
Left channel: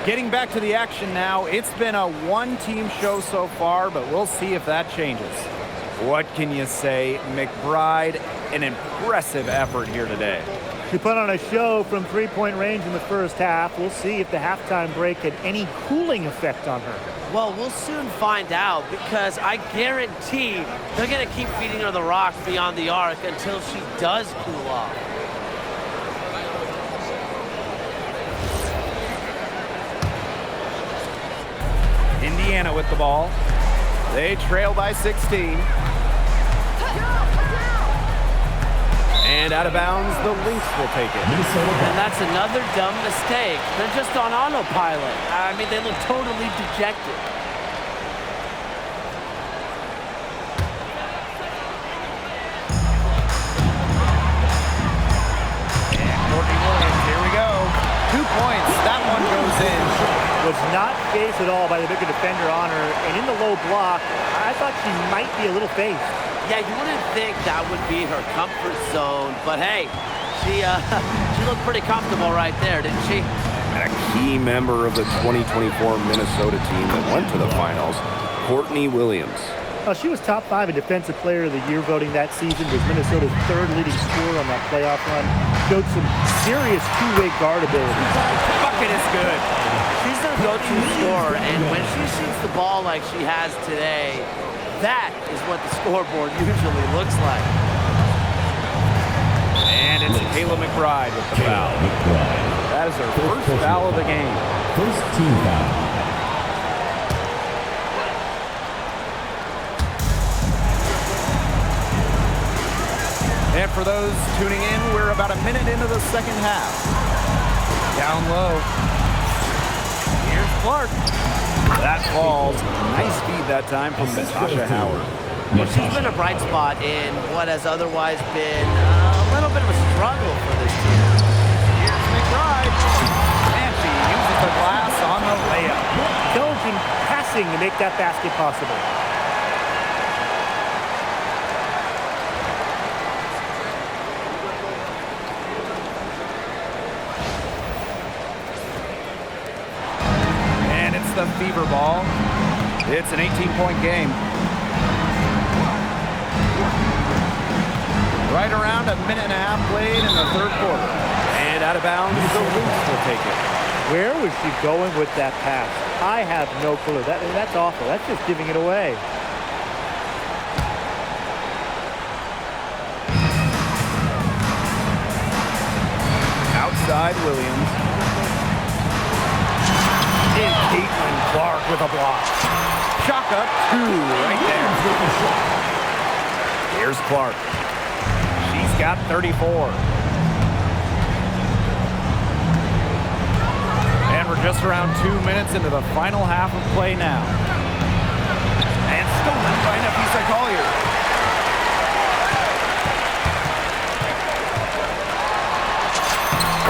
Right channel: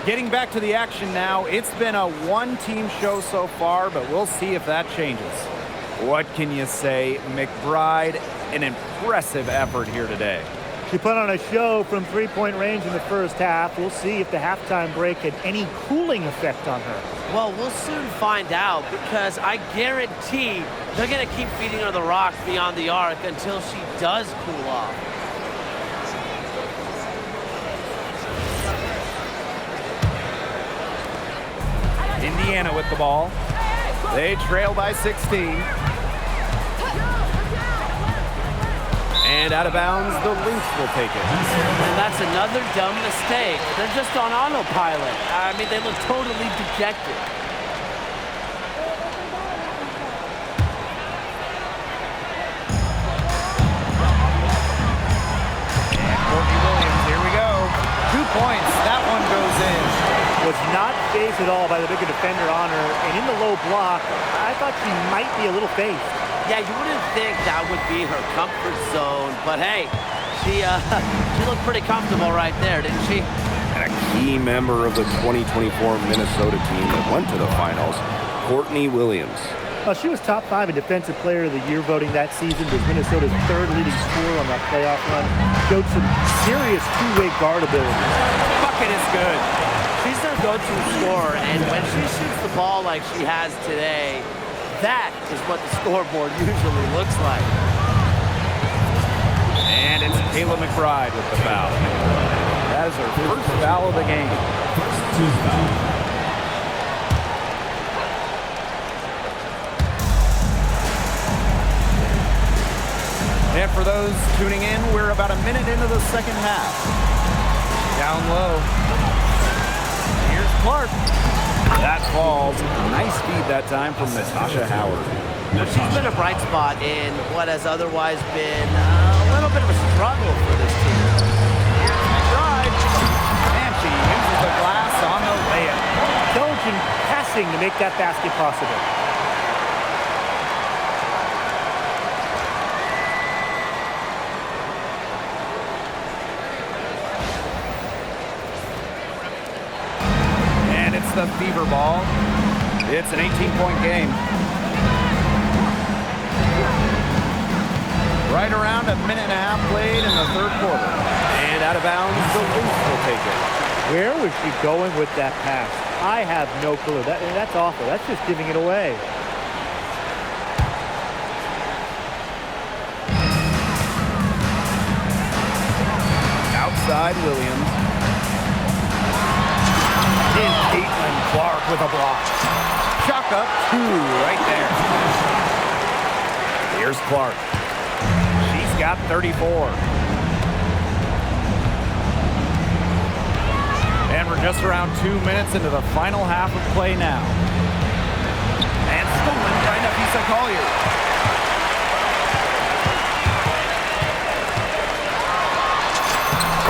Getting back to the action now, it's been a one-team show so far, but we'll see if that changes. What can you say? McBride, an impressive effort here today. She put on a show from three-point range in the first half. We'll see if the halftime break had any cooling effect on her. Well, we'll soon find out because I guarantee they're going to keep feeding her the rock beyond the arc until she does cool off. Indiana with the ball. They trail by 16. And out of bounds, the Lynx will take it. And that's another dumb mistake. They're just on autopilot. I mean, they look totally dejected. And Courtney Williams, here we go. 2 points, that one goes in. Was not phased at all by the bigger defender on her, and in the low block, I thought she might be a little phased. Yeah, you wouldn't think that would be her comfort zone, but hey, she looked pretty comfortable right there, didn't she? And a key member of the 2024 Minnesota team that went to the finals. Courtney Williams. She was top 5 in Defensive Player of the Year voting that season, was Minnesota's 3rd leading scorer on that playoff run. Showed some serious two-way guard ability. Bucket is good. She's their go-to scorer, and when she shoots the ball like she has today, that is what the scoreboard usually looks like. And it's Kayla McBride with the foul. That is her first foul of the game. First team foul. And for those tuning in, we're about a minute into the second half. Down low. Here's Clark. That falls. Nice feed that time from Natasha Howard. Well, she's been a bright spot in what has otherwise been a little bit of a struggle for this team. Here's McBride. And she uses the glass on the layup. Intelligent passing to make that basket possible. And it's the fever ball. It's an 18-point game. Right around a minute and a half played in the third quarter. And out of bounds, the Lynx will take it. Where was she going with that pass? I have no clue. That's awful. That's just giving it away. Outside Williams. And Caitlin Clark with a block. Chalk up 2 right there. Here's Clark. She's got 34. And we're just around 2 minutes into the final half of play now. And stolen by Nafisa Collier.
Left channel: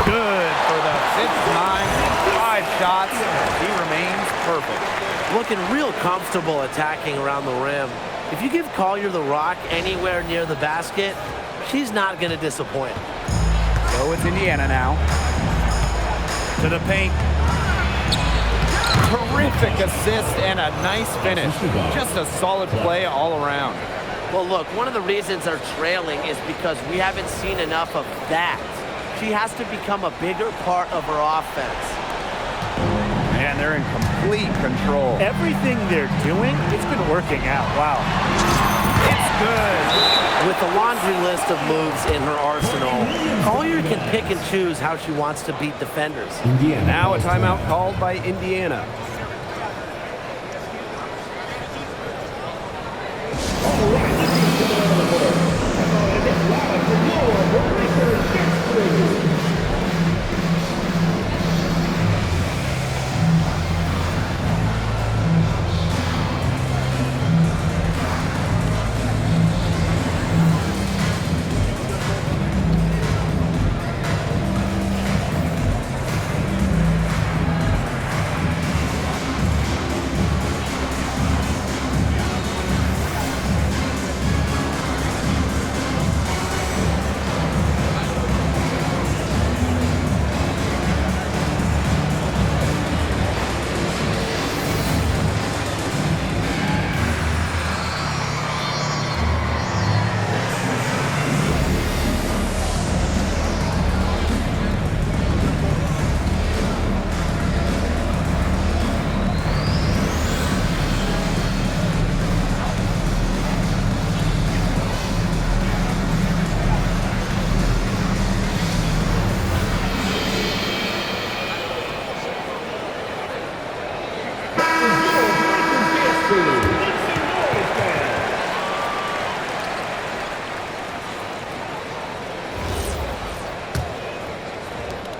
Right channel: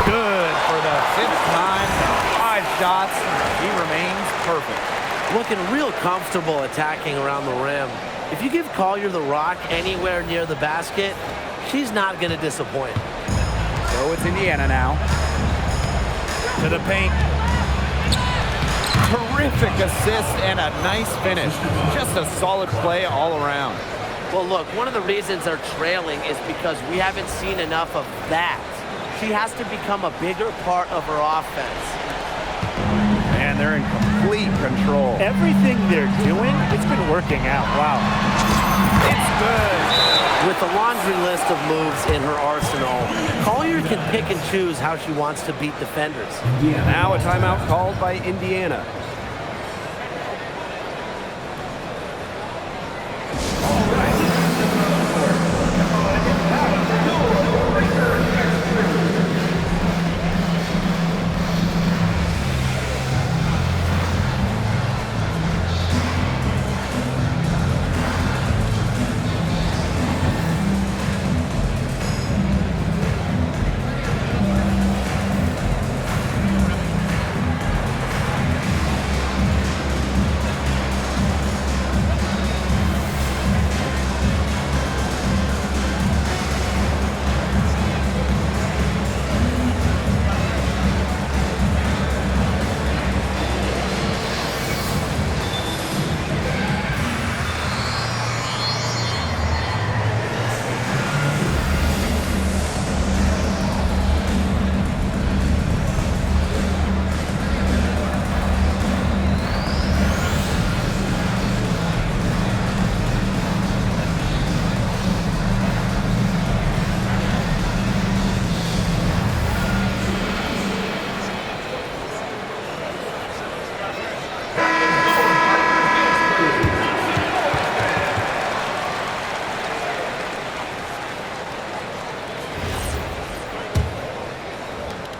Good for the 5th time in 5 shots. She remains perfect. Looking real comfortable attacking around the rim. If you give Collier the rock anywhere near the basket, she's not going to disappoint. So it's Indiana now. To the paint. Terrific assist and a nice finish. Just a solid play all around. Well, look, one of the reasons they're trailing is because we haven't seen enough of that. She has to become a bigger part of her offense. And they're in complete control. Everything they're doing, it's been working out. Wow. It's good. With a laundry list of moves in her arsenal, Collier can pick and choose how she wants to beat defenders. Now a timeout called by Indiana.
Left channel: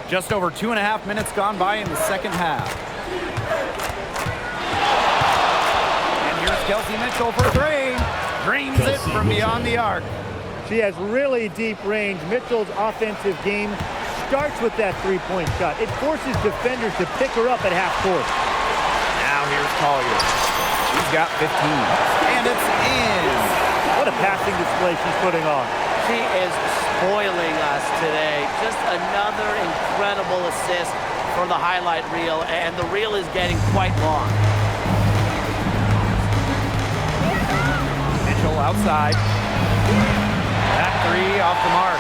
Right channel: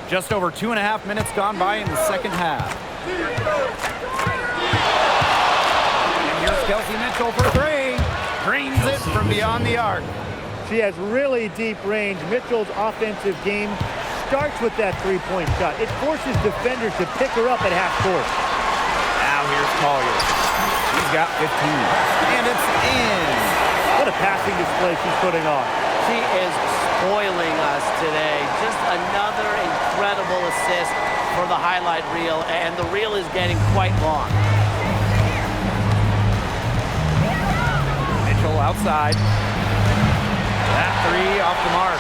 Just over 2.5 minutes gone by in the second half. And here's Kelsey Mitchell for 3. Drains it from beyond the arc. She has really deep range. Mitchell's offensive game starts with that three-point shot. It forces defenders to pick her up at half court. Now here's Collier. She's got 15. And it's in. What a passing display she's putting on. She is spoiling us today. Just another incredible assist for the highlight reel, and the reel is getting quite long. Mitchell outside. That three off the mark.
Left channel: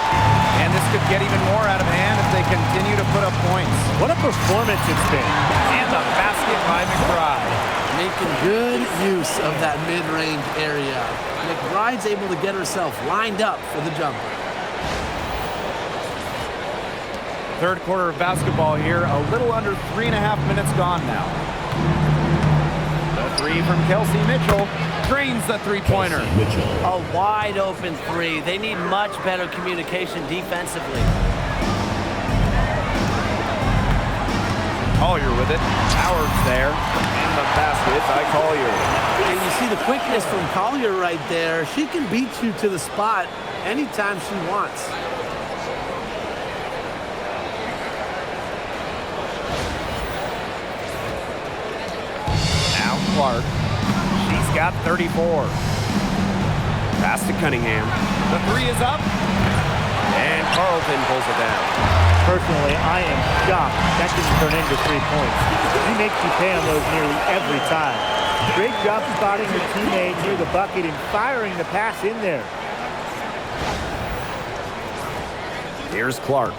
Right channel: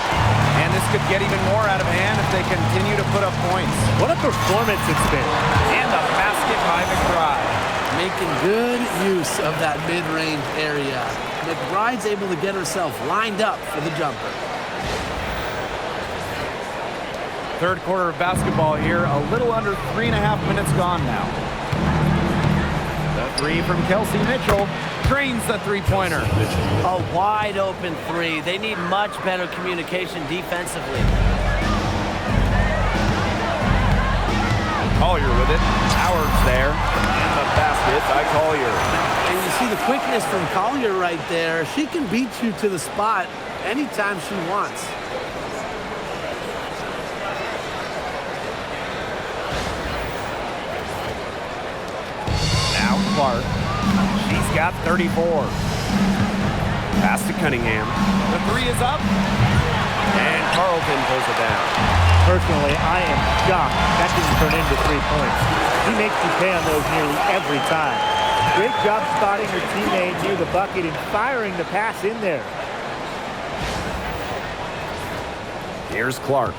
And this could get even more out of hand if they continue to put up points. What a performance it's been. And the basket by McBride. Making good use of that mid-range area. McBride's able to get herself lined up for the jumper. Third quarter of basketball here, a little under 3.5 minutes gone now. The three from Kelsey. Mitchell drains the three-pointer. A wide open three. They need much better communication defensively. Collier with it. Howard's there. And the basket by Collier. And you see the quickness from Collier right there. She can beat you to the spot anytime she wants. Now Clark. She's got 34. Pass to Cunningham. The three is up. And Carlton pulls it down. Personally, I am shocked that didn't turn into 3 points. He makes you pay on those nearly every time. Great job spotting her teammate near the bucket and firing the pass in there. Here's Clark.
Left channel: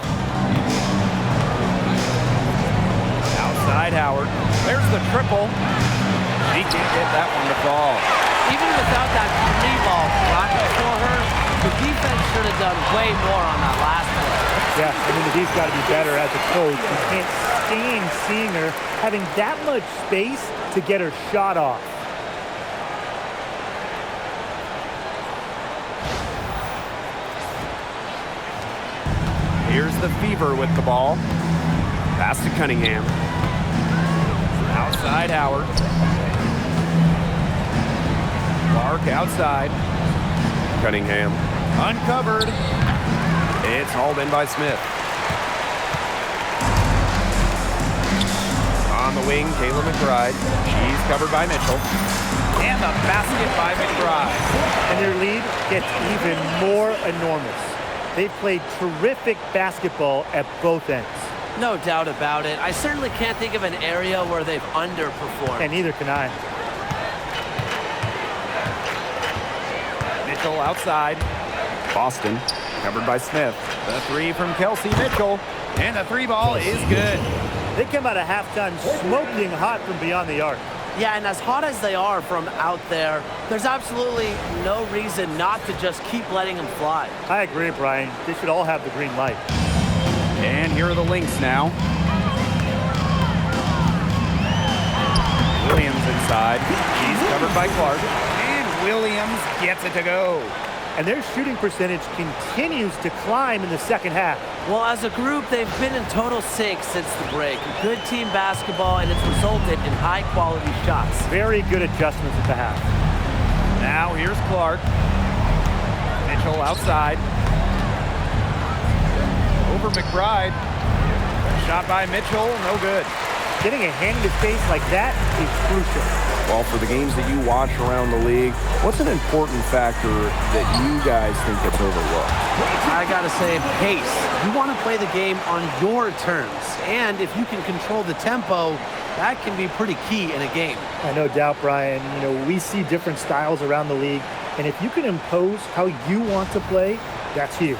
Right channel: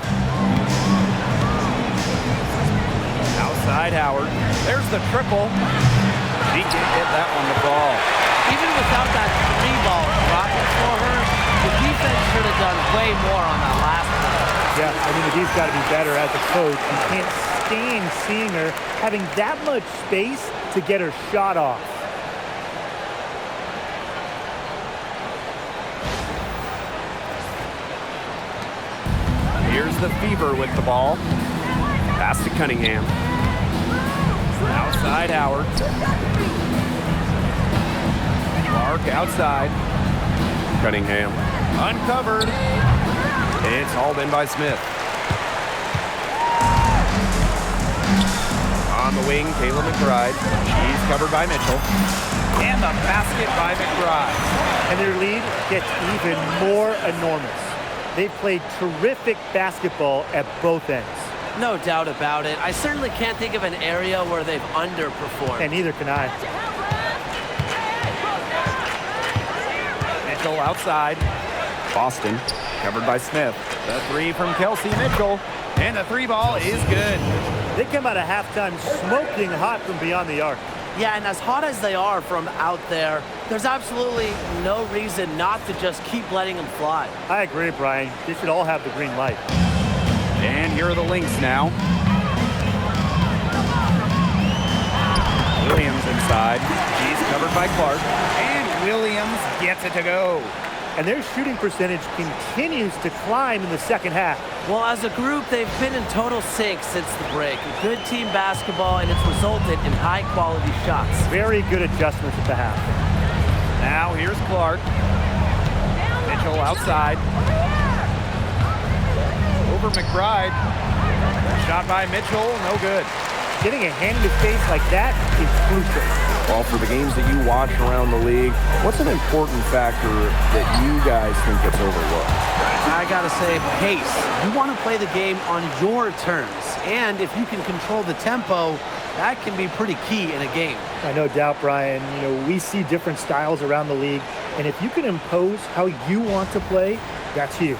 Outside Howard. There's the triple. She can't get that one to fall. Even without that three ball dropping for her, the defense should have done way more on that last play. Yeah, I mean, the D's got to be better as a coach. You can't stand seeing her having that much space to get her shot off. Here's the Fever with the ball. Pass to Cunningham. Outside Howard. Clark outside. Cunningham. Uncovered. It's hauled in by Smith. On the wing, Kayla McBride. She's covered by Mitchell. And the basket by McBride. And their lead gets even more enormous. They've played terrific basketball at both ends. No doubt about it. I certainly can't think of an area where they've underperformed. And neither can I. Mitchell outside. Boston, covered by Smith. The three from Kelsey. Mitchell. And the three ball is good. They come out of halftime smoking hot from beyond the arc. Yeah, and as hot as they are from out there, there's absolutely no reason not to just keep letting them fly. I agree, Brian. They should all have the green light. And here are the Lynx now. Williams inside. She's covered by Clark. And Williams gets it to go. And their shooting percentage continues to climb in the second half. Well, as a group, they've been in total sync since the break. Good team basketball, and it's resulted in high-quality shots. Very good adjustments at the half. Now here's Clark. Mitchell outside. Over McBride. Shot by Mitchell, no good. Getting a hand in his face like that is crucial. Well, for the games that you watch around the league, what's an important factor that you guys think gets overlooked? I gotta say, pace. You want to play the game on your terms. And if you can control the tempo, that can be pretty key in a game. No doubt, Brian. You know, we see different styles around the league. And if you can impose how you want to play, that's huge.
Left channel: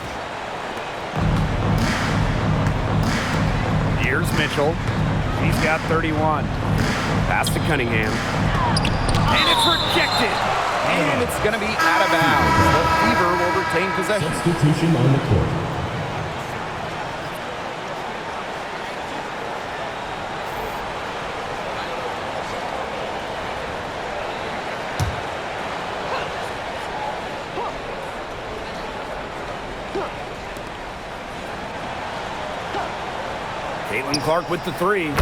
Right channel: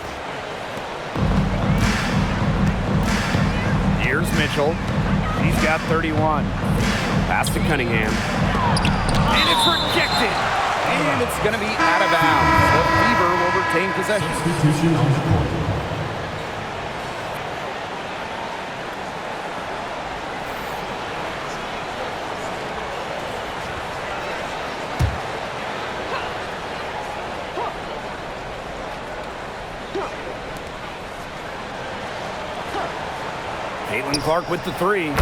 Here's Mitchell. She's got 31. Pass to Cunningham. And it's rejected. And it's going to be out of bounds. The Fever will retain possession. Substitution on the court. Caitlin Clark with the three.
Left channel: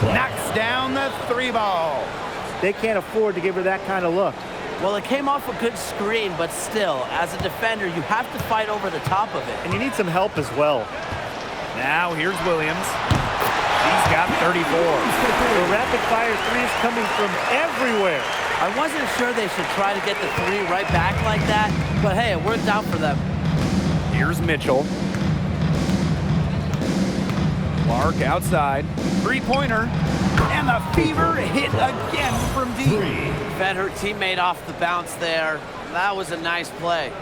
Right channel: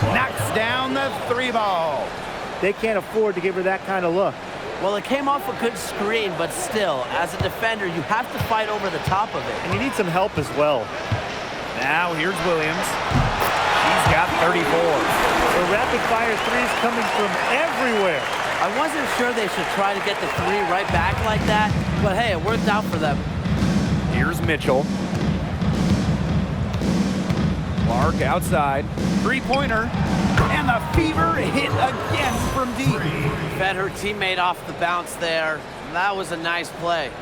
Knocks down the three ball. They can't afford to give her that kind of look. Well, it came off a good screen, but still, as a defender, you have to fight over the top of it. And you need some help as well. Now here's Williams. She's got 34. The rapid-fire threes coming from everywhere. I wasn't sure they should try to get the three right back like that, but hey, it worked out for them. Here's Mitchell. Clark outside. Three-pointer. And the Fever hit again from deep. Fed her teammate off the bounce there. That was a nice play.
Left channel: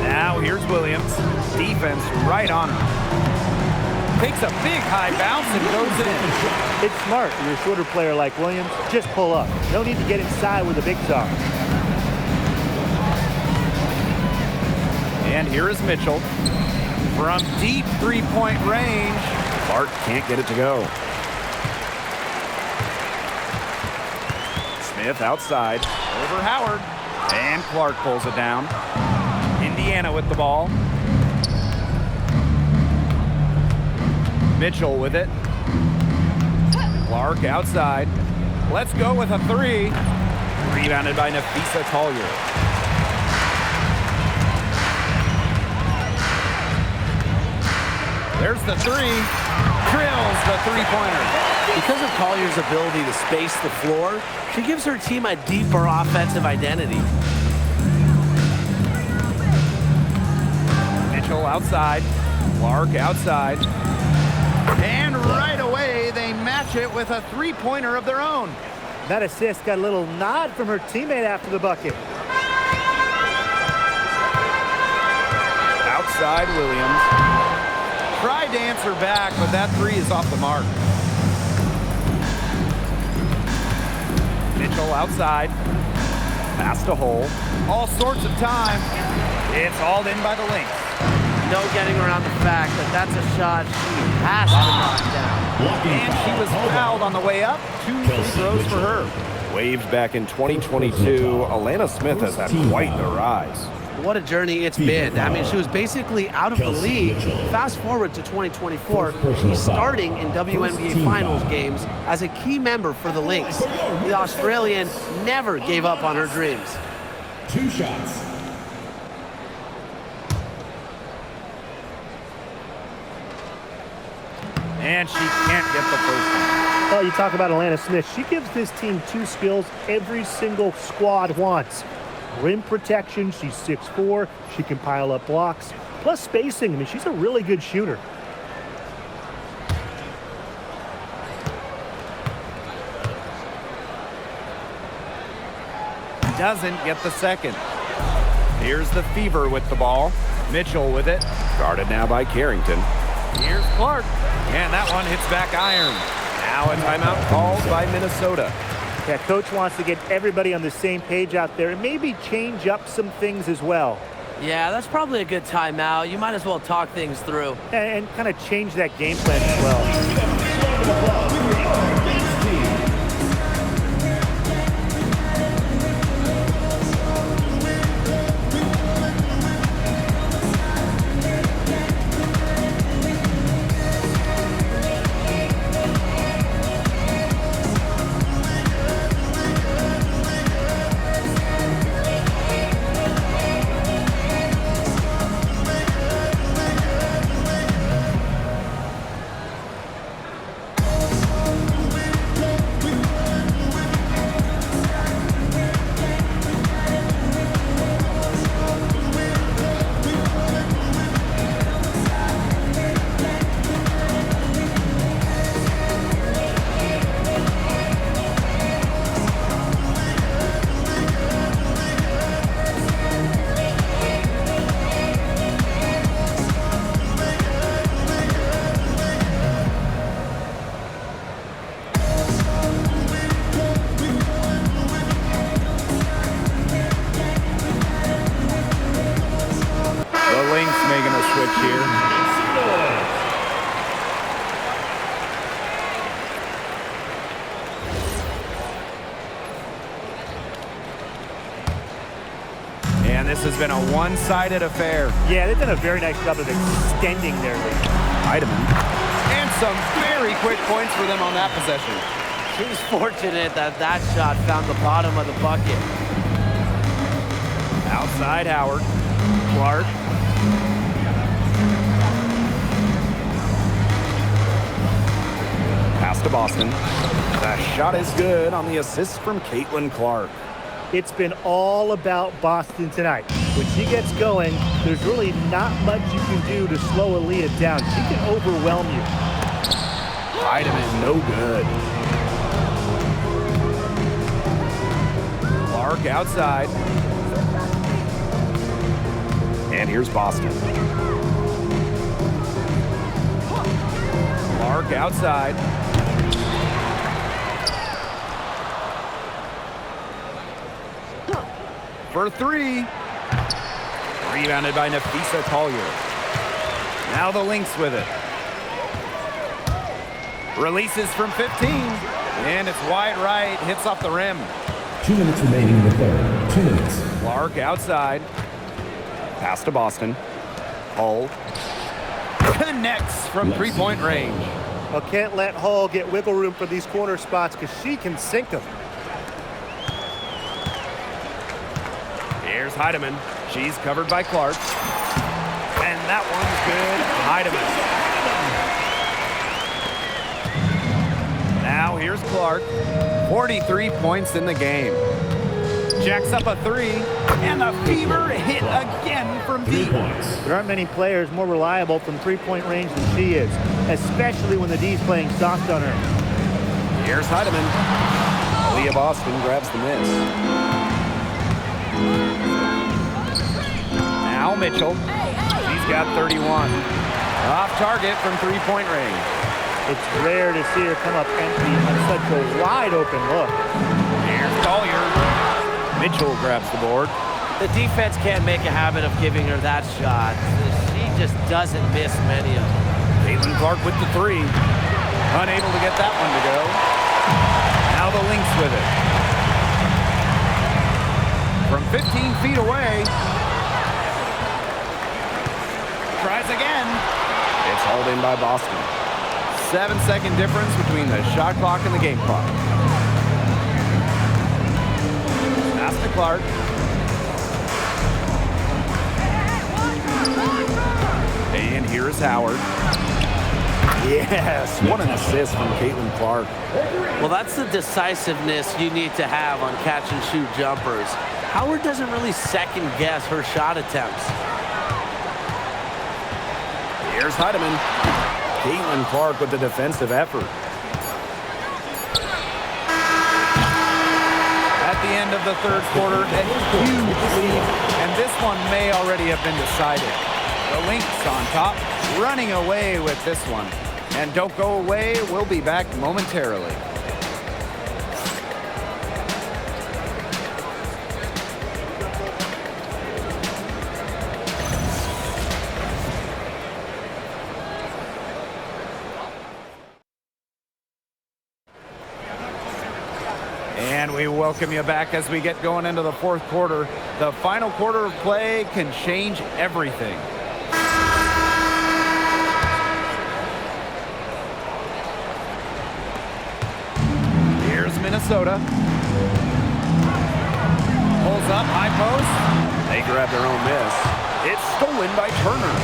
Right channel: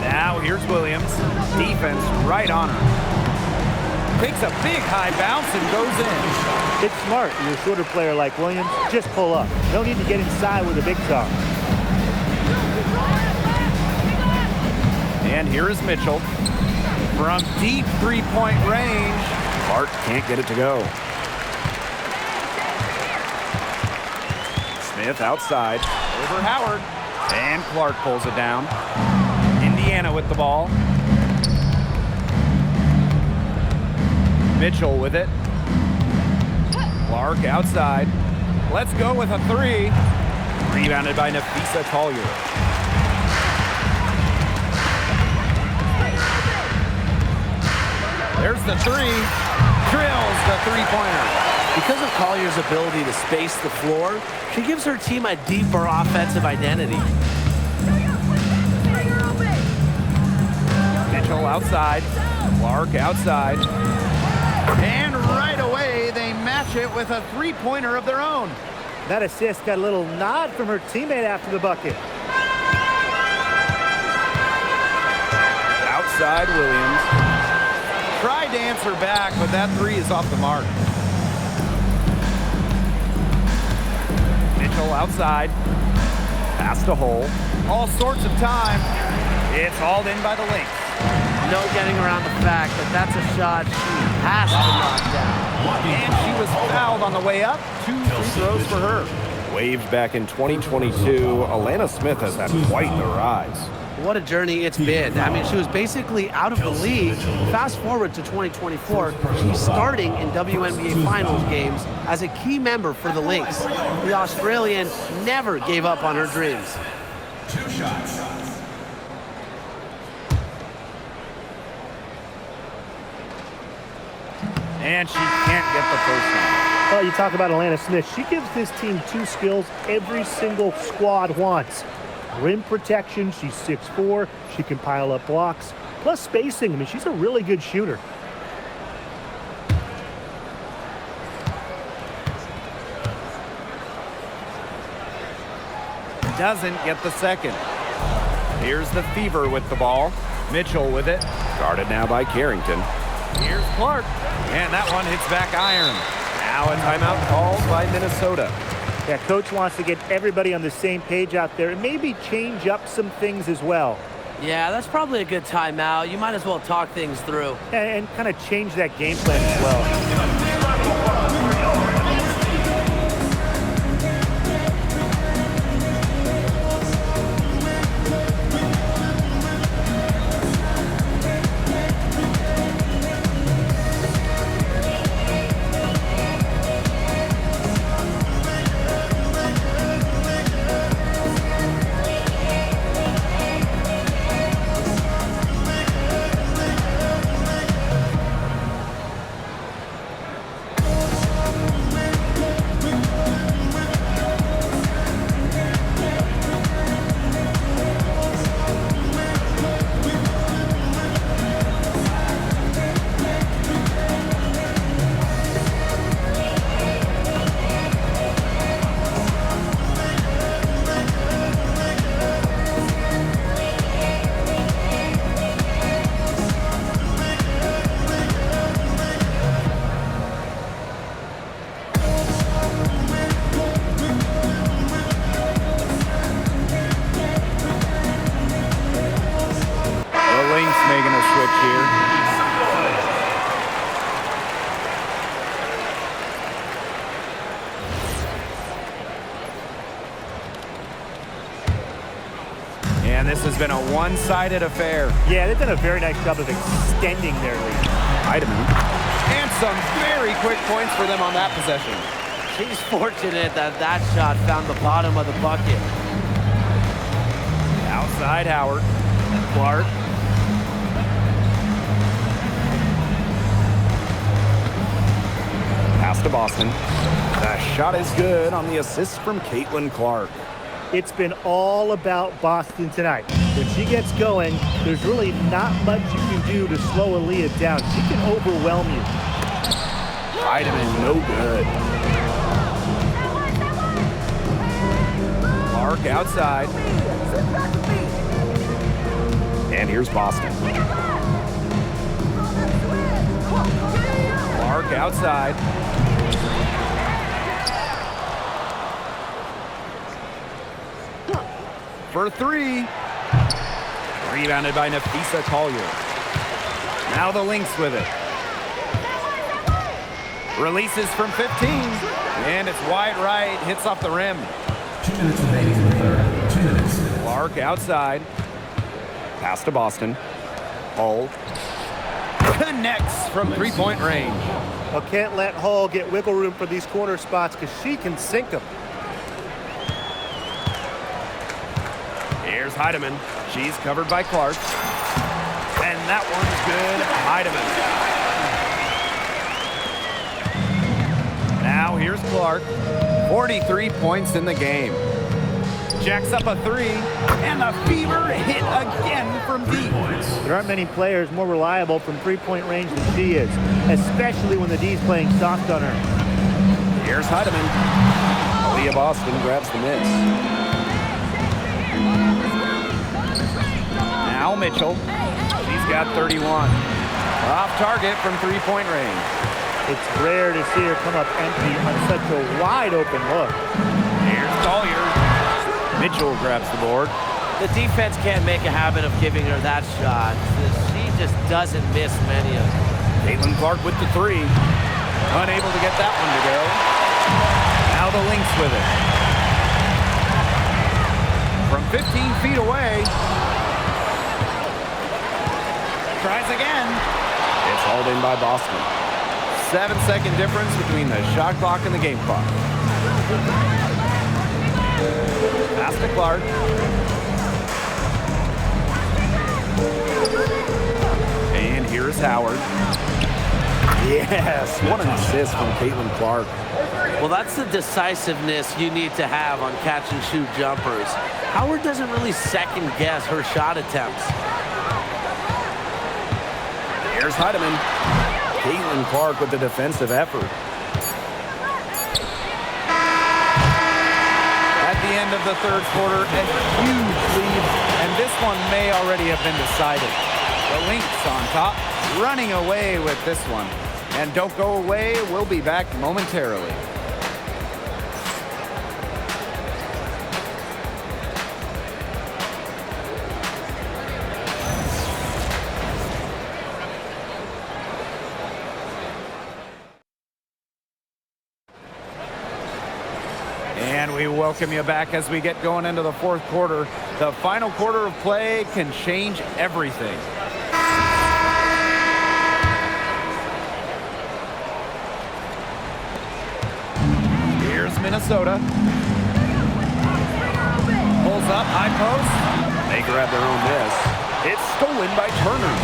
Now here's Williams. Defense right on her. Takes a big high bounce and goes in. It's smart. You're a shorter player like Williams. Just pull up. No need to get inside where the bigs are. And here is Mitchell. From deep three-point range. Clark can't get it to go. Smith outside. Over Howard. And Clark pulls it down. Indiana with the ball. Mitchell with it. Clark outside. Let's go with a three. Rebounded by Nafisa Collier. There's the three. Drills the three-pointer. Because of Collier's ability to space the floor, she gives her team a deeper offensive identity. Mitchell outside. Clark outside. And right away, they match it with a three-pointer of their own. That assist got a little nod from her teammate after the bucket. Outside Williams. Tried to answer back, but that three is off the mark. Mitchell outside. Pass to Hole. All sorts of time. It's hauled in by the Lynx. No getting around the fact that that's a shot she has to knock down. And she was fouled on the way up. 2 free throws for her. Waived back in 2022, Alana Smith has had quite the rise. What a journey it's been. I mean, she was basically out of the league. Fast forward to 2024, she's starting in WNBA Finals games as a key member for the Lynx. The Australian never gave up on her dreams. 2 shots. And she can't get the first one. Well, you talk about Alana Smith. She gives this team 2 skills every single squad wants. Rim protection, she's 6'4", she can pile up blocks. Plus spacing, I mean, she's a really good shooter. Doesn't get the second. Here's the Fever with the ball. Mitchell with it. Guarded now by Carrington. Here's Clark. And that one hits back iron. Now a timeout called by Minnesota. Yeah, coach wants to get everybody on the same page out there and maybe change up some things as well. Yeah, that's probably a good timeout. You might as well talk things through. And kind of change that game plan as well. The Lynx making a switch here. And this has been a one-sided affair. Yeah, they've done a very nice job of extending their lead. Heidemann. And some very quick points for them on that possession. She's fortunate that that shot found the bottom of the bucket. Outside Howard. Clark. Pass to Boston. The shot is good on the assist from Caitlin Clark. It's been all about Boston tonight. When she gets going, there's really not much you can do to slow Aaliyah down. She can overwhelm you. Heidemann, no good. Clark outside. And here's Boston. Clark outside. For three. Rebounded by Nafisa Collier. Now the Lynx with it. Releases from 15. And it's wide right. Hits off the rim. 2 minutes remaining in the third. 2 minutes. Clark outside. Pass to Boston. Hull connects from three-point range. Well, can't let Hull get wiggle room for these corner spots because she can sink them. Here's Heidemann. She's covered by Clark. And that one's good. Heidemann. Now here's Clark. 43 points in the game. Jacks up a three. And the fever hit again from deep. There aren't many players more reliable from three-point range than she is, especially when the D's playing soft on her. Here's Heidemann. Aaliyah Boston grabs the miss. Now Mitchell. She's got 31. Off target from three-point range. It's rare to see her come up empty on such a wide-open look. Here's Collier. Mitchell grabs the board. The defense can't make a habit of giving her that shot. She just doesn't miss many of them. Caitlin Clark with the three. Unable to get that one to go. Now the Lynx with it. From 15 feet away. Tries again. It's hauled in by Boston. 7-second difference between the shot clock and the game clock. Pass to Clark. And here's Howard. Yes, what an assist from Caitlin Clark. Well, that's the decisiveness you need to have on catch-and-shoot jumpers. Howard doesn't really second-guess her shot attempts. Here's Heidemann. Caitlin Clark with the defensive effort. At the end of the third quarter, a huge lead, and this one may already have been decided. The Lynx on top, running away with this one. And don't go away, we'll be back momentarily. And we welcome you back as we get going into the fourth quarter. The final quarter of play can change everything. Here's Minnesota. Pulls up, high post. They grab their own miss. It's stolen by Turner.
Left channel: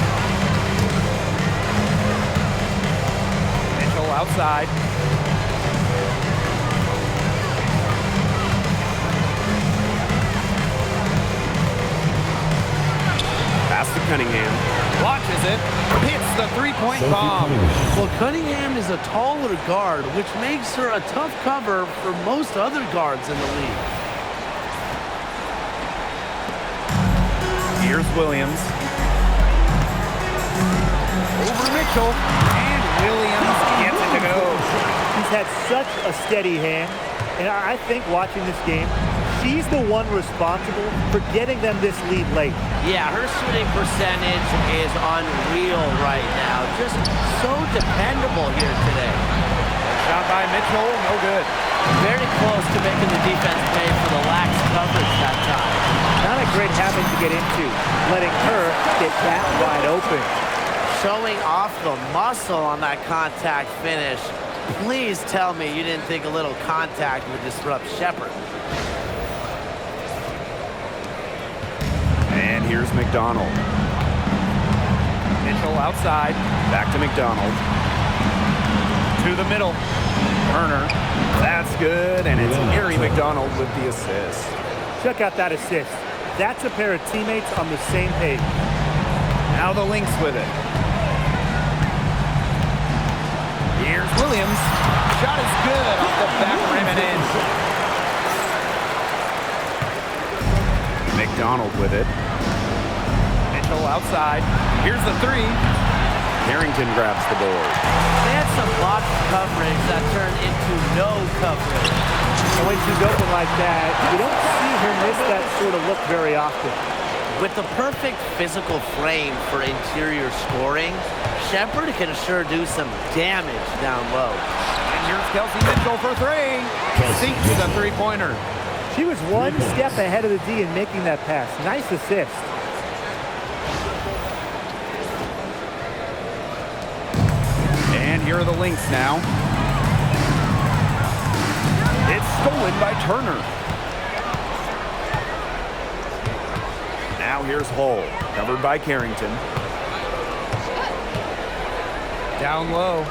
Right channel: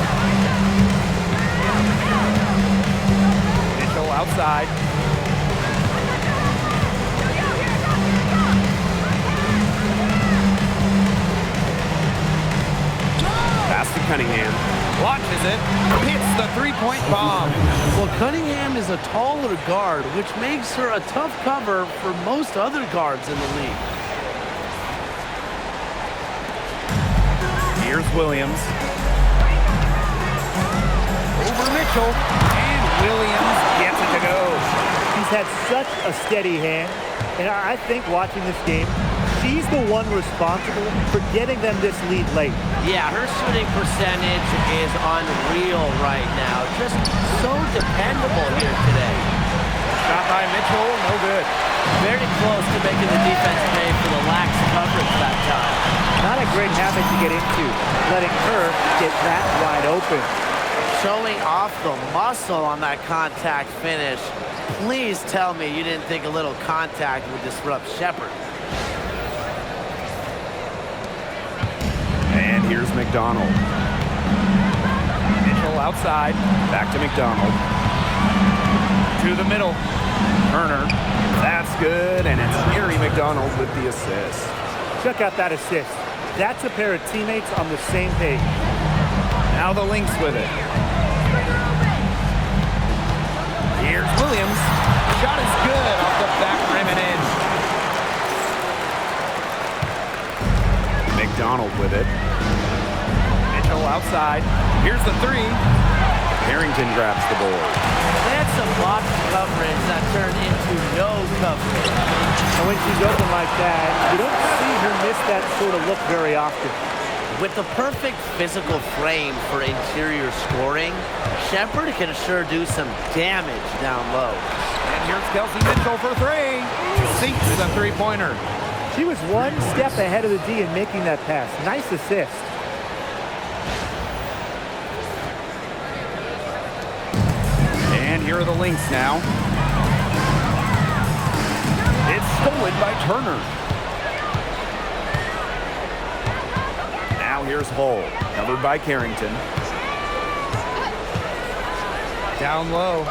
Mitchell outside. Pass to Cunningham. Launches it. Hits the three-point bomb. Well, Cunningham is a taller guard, which makes her a tough cover for most other guards in the league. Here's Williams. Over Mitchell. And Williams gets it to go. She's had such a steady hand, and I think watching this game, she's the one responsible for getting them this lead late. Yeah, her shooting percentage is unreal right now. Just so dependable here today. Shot by Mitchell, no good. Very close to making the defense pay for the lax coverage that time. Not a great habit to get into, letting her get that wide open. Showing off the muscle on that contact finish. Please tell me you didn't think a little contact would disrupt Shepard. And here's McDonald. Mitchell outside. Back to McDonald. To the middle. Turner. That's good, and it's Mary McDonald with the assist. Check out that assist. That's a pair of teammates on the same page. Now the Lynx with it. Here's Williams. Shot is good off the back rim and in. McDonald with it. Mitchell outside. Here's the three. Harrington grabs the board. They had some blocked coverage that turned into no coverage. And when she's open like that, you don't see her miss that sort of look very often. With the perfect physical frame for interior scoring, Shepherd can sure do some damage down low. And here's Kelsey Mitchell for three. Sinks the three-pointer. She was one step ahead of the D in making that pass. Nice assist. And here are the Lynx now. It's stolen by Turner. Now here's Hull, covered by Carrington. Down low.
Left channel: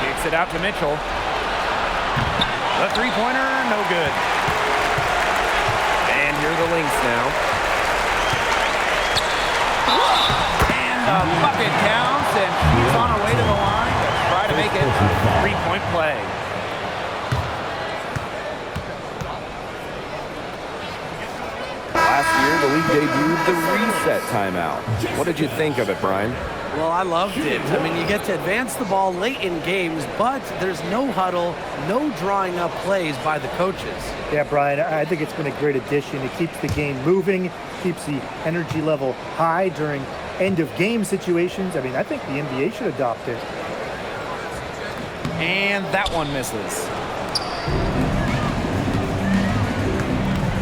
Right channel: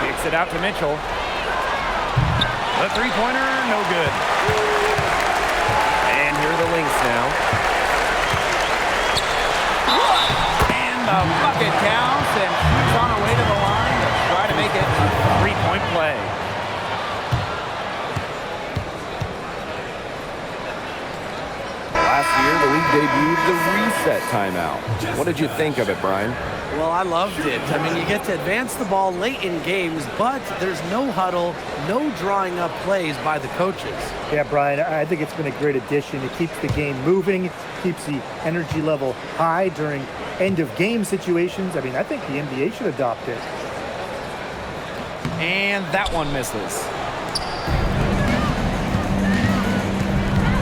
Kicks it out to Mitchell. The three-pointer, no good. And here are the Lynx now. And the bucket counts, and she's on her way to the line to try to make it a three-point play. Last year, the league debuted the reset timeout. What did you think of it, Brian? Well, I loved it. I mean, you get to advance the ball late in games, but there's no huddle, no drawing up plays by the coaches. Yeah, Brian, I think it's been a great addition. It keeps the game moving, keeps the energy level high during end-of-game situations. I mean, I think the NBA should adopt it. And that one misses.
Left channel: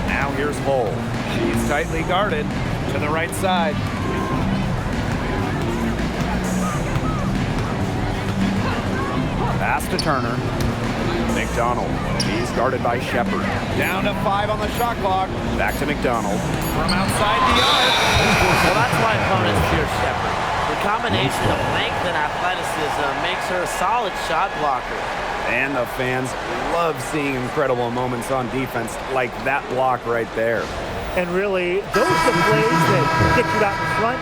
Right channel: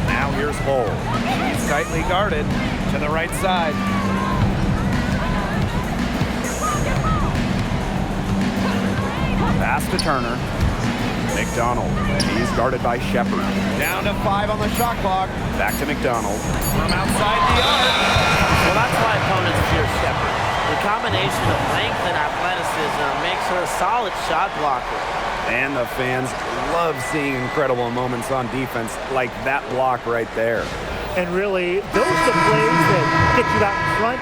Now here's Hull. She's tightly guarded to the right side. Pass to Turner. McDonald. He's guarded by Shepherd. Down to 5 on the shot clock. Back to McDonald. From outside the arc. Well, that's why opponents fear Shepherd. Her combination of length and athleticism makes her a solid shot blocker. And the fans love seeing incredible moments on defense like that block right there. And really, those are the plays that get you out in front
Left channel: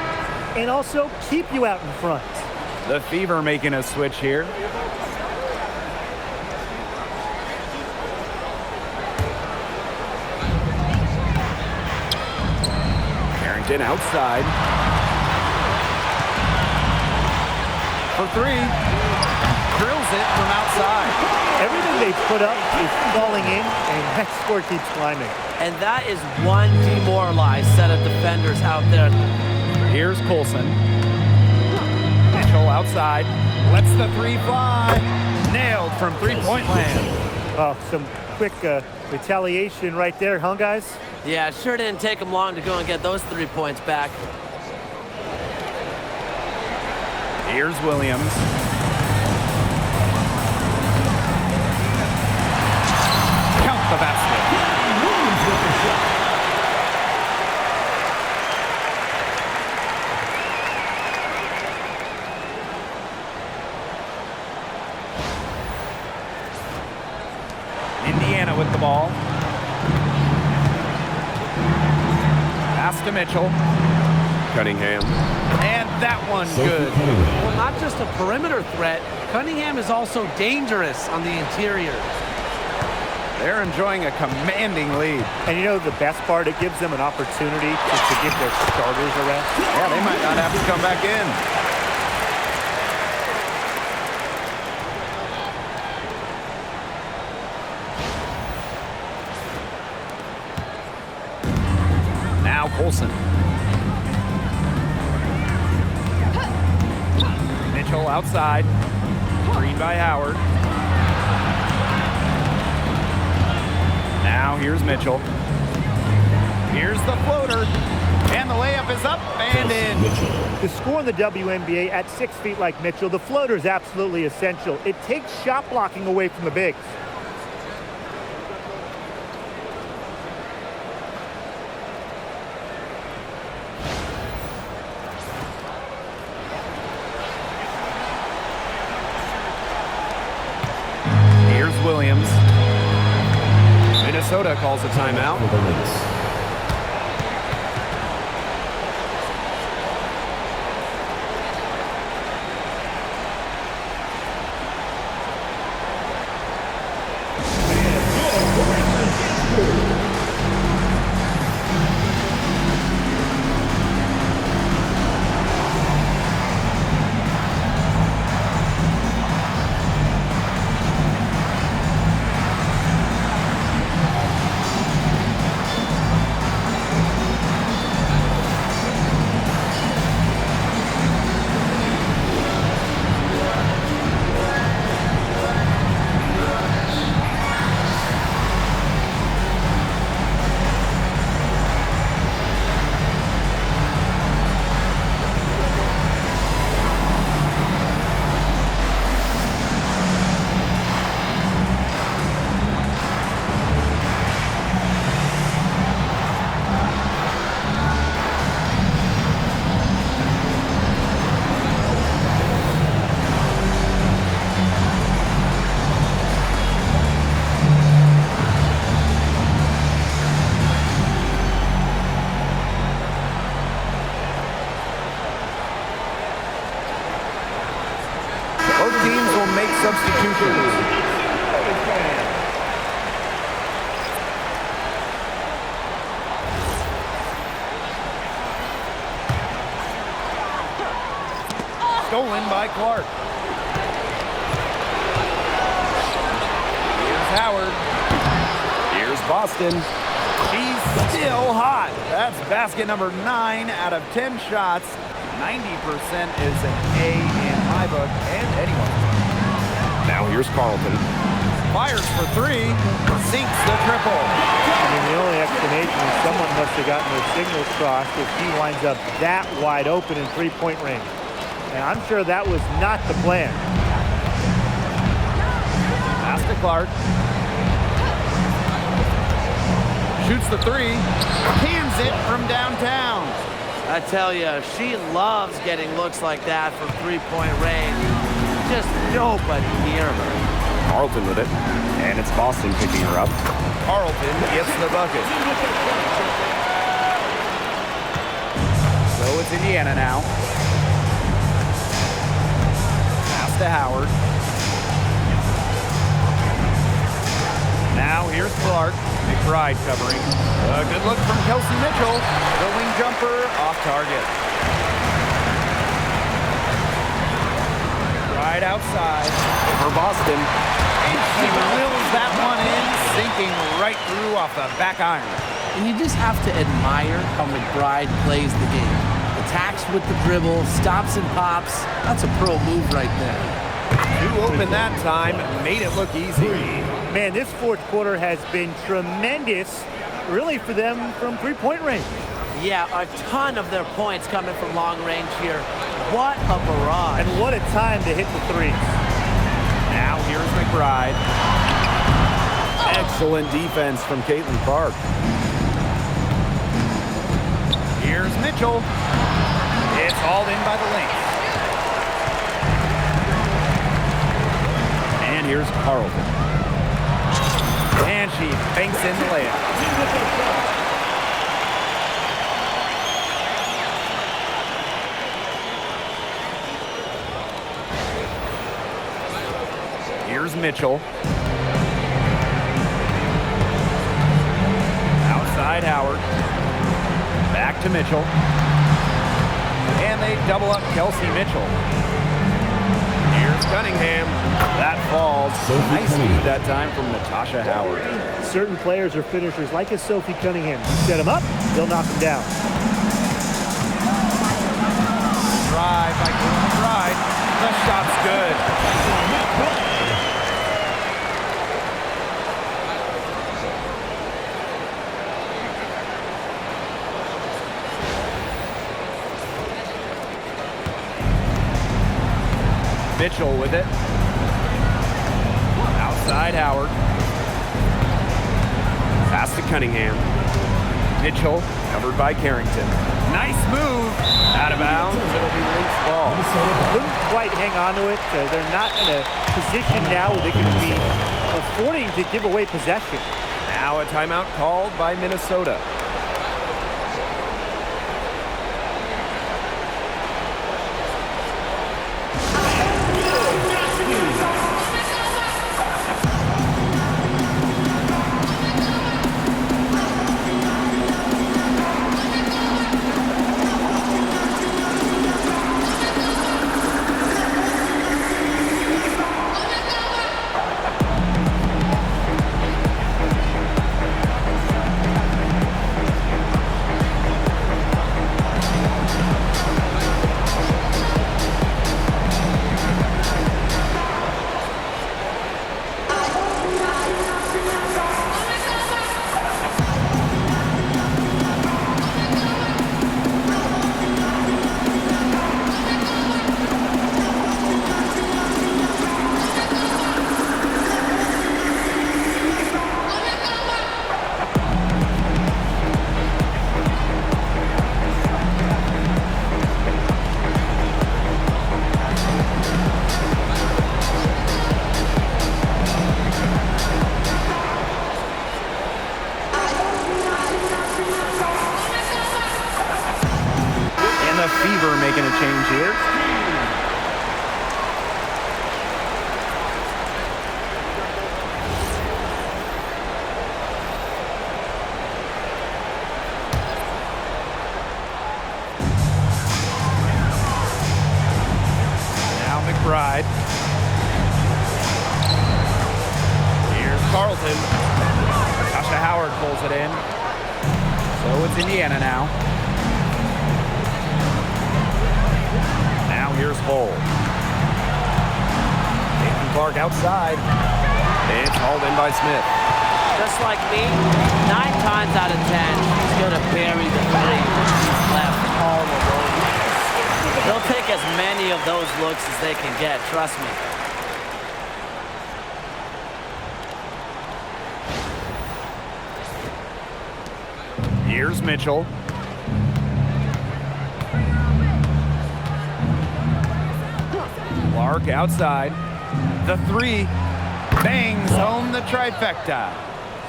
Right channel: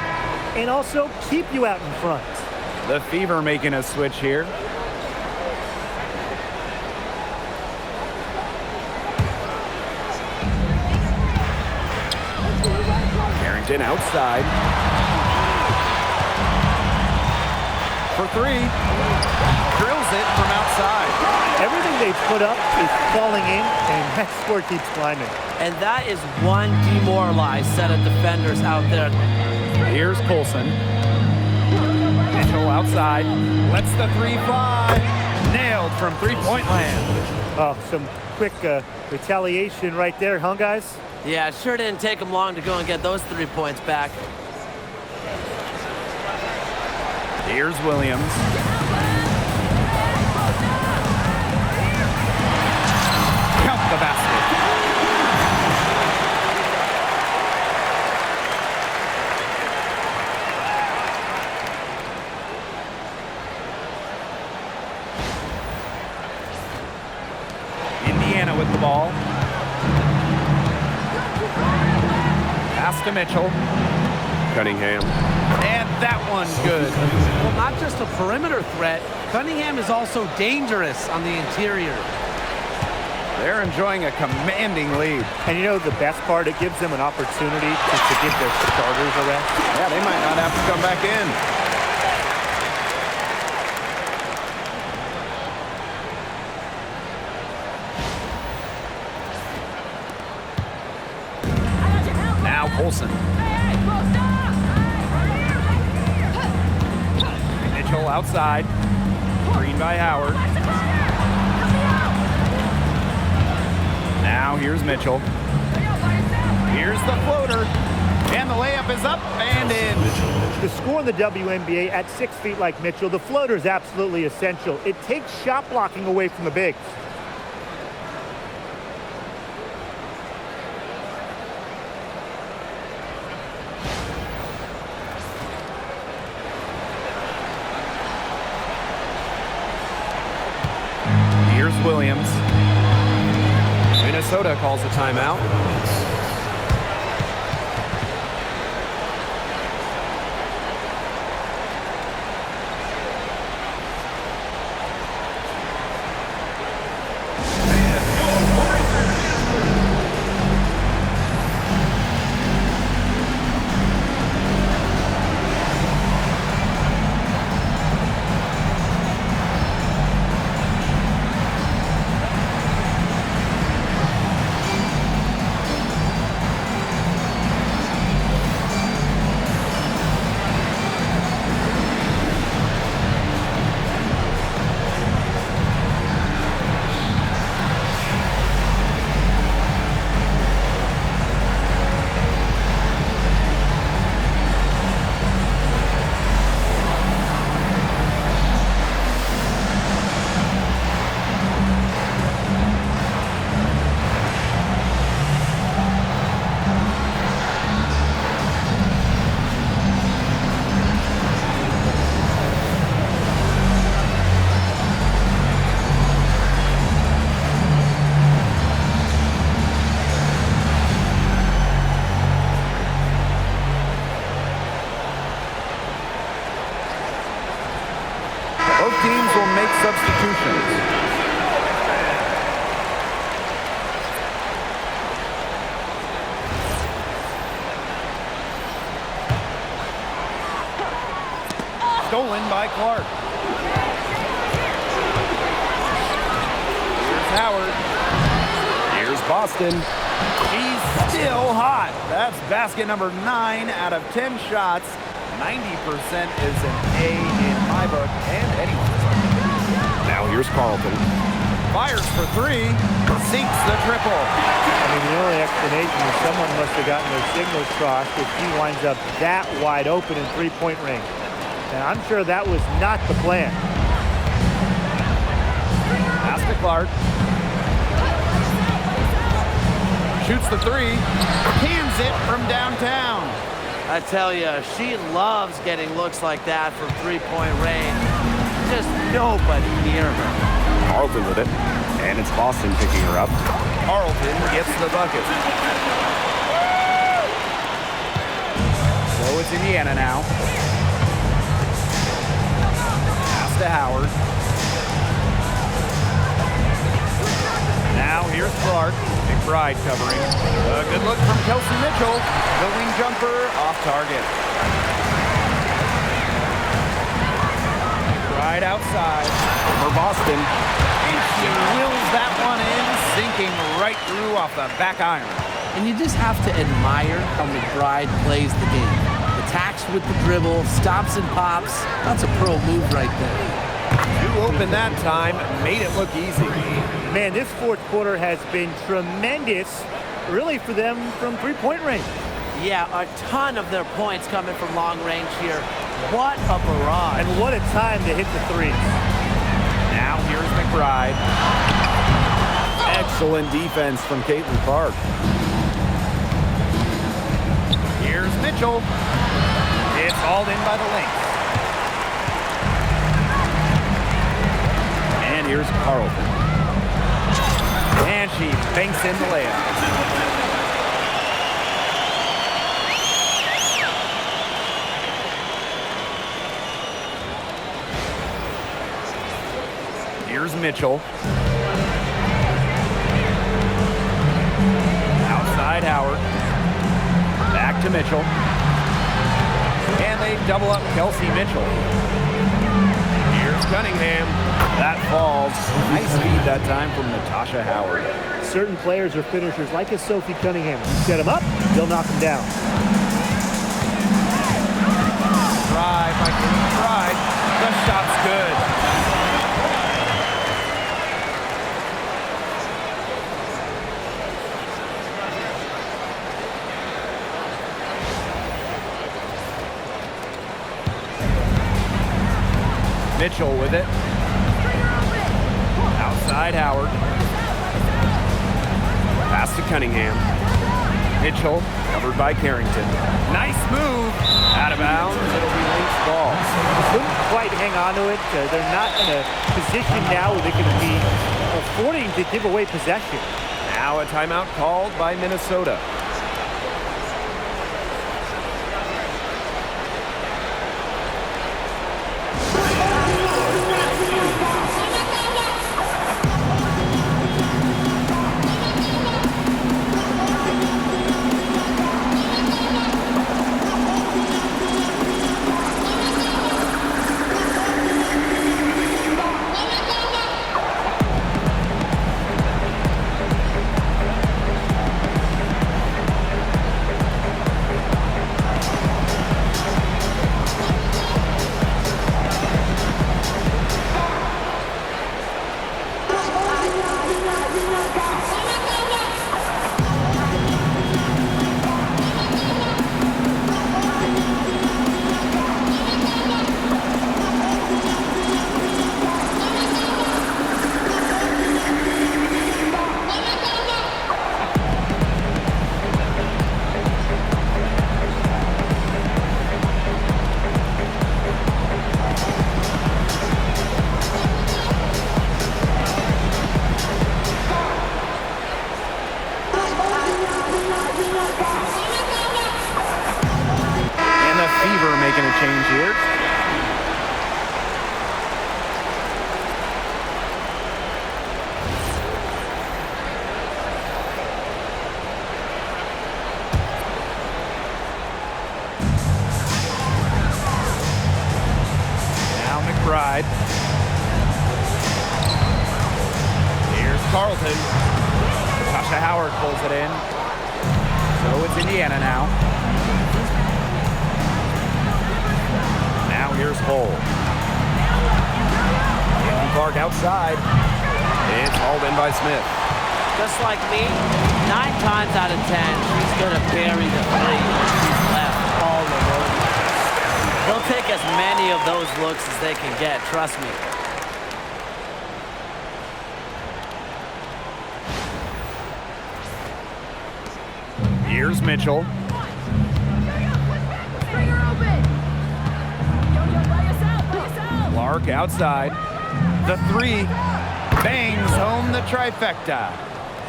and also keep you out in front. The Fever making a switch here. Carrington outside. For three. Drills it from outside. Everything they put up is falling in, and that score keeps climbing. And that is one demoralized set of defenders out there. Here's Colson. Mitchell outside. Lets the three fly. Nailed from three-point land. Oh, some quick retaliation right there, huh, guys? Yeah, it sure didn't take them long to go and get those 3 points back. Here's Williams. Count the basket. Indiana with the ball. Pass to Mitchell. Cunningham. And that one good. Well, not just a perimeter threat, Cunningham is also dangerous on the interior. They're enjoying a commanding lead. And you know the best part? It gives them an opportunity to give their starters a rest. Yeah, they might not have to come back in. Now Colson. Mitchell outside. Green by Howard. Now here's Mitchell. Here's the floater. And the layup is up and in. To score in the WNBA at 6 feet like Mitchell, the floater is absolutely essential. It takes shot blocking away from the bigs. Here's Williams. Minnesota calls a timeout. For the Lynx. will make substitutions. Stolen by Clark. Here's Howard. Here's Boston. She's still hot. That's basket number 9 out of 10 shots. 90% is an A in my book and anyone's book. Now here's Carlton. Fires for 3. Sinks the triple. I mean, the only explanation is someone must have gotten their signals crossed if he winds up that wide open in three-point range. And I'm sure that was not the plan. Pass to Clark. Shoots the 3. Cans it from downtown. I tell you, she loves getting looks like that from three-point range. Just nobody near her. Carlton with it. And it's Boston picking her up. Carlton gets the bucket. So it's Indiana now. Pass to Howard. Now here's Clark. McBride covering. A good look from Kelsey Mitchell. The wing jumper off target. McBride outside. Over Boston. And she wills that one in, sinking right through off the back iron. And you just have to admire how McBride plays the game. Attacks with the dribble, stops and pops. That's a pro move right there. Too open that time, made it look easy. Man, this fourth quarter has been tremendous, really, for them from three-point range. Yeah, a ton of their points coming from long range here. What a barrage. And what a time to hit the threes. Now here's McBride. Excellent defense from Caitlin Clark. Here's Mitchell. It's hauled in by the Lynx. And here's Carlton. And she banks in the layup. Here's Mitchell. Outside Howard. Back to Mitchell. And they double up Kelsey Mitchell. Here's Cunningham. That falls. Nice feed that time from Natasha Howard. Certain players are finishers, like a Sophie Cunningham. You set them up, they'll knock them down. Drive by Kayla McBride. The shot's good. Mitchell with it. Outside Howard. Pass to Cunningham. Mitchell covered by Carrington. Nice move. Out of bounds. It'll be Lynx ball. Couldn't quite hang on to it. They're not in a position now where they can be affording to give away possession. Now a timeout called by Minnesota. Fever making a change here. McBride. Here's Carlton. Natasha Howard pulls it in. So it's Indiana now. Now here's Hull. Caitlin Clark outside. It's hauled in by Smith. Just like me, 9 times out of 10, she's going to bury the 3 when she's left all alone like this. They'll take as many of those looks as they can get, trust me. Here's Mitchell. Clark outside. The 3 bangs home the trifecta.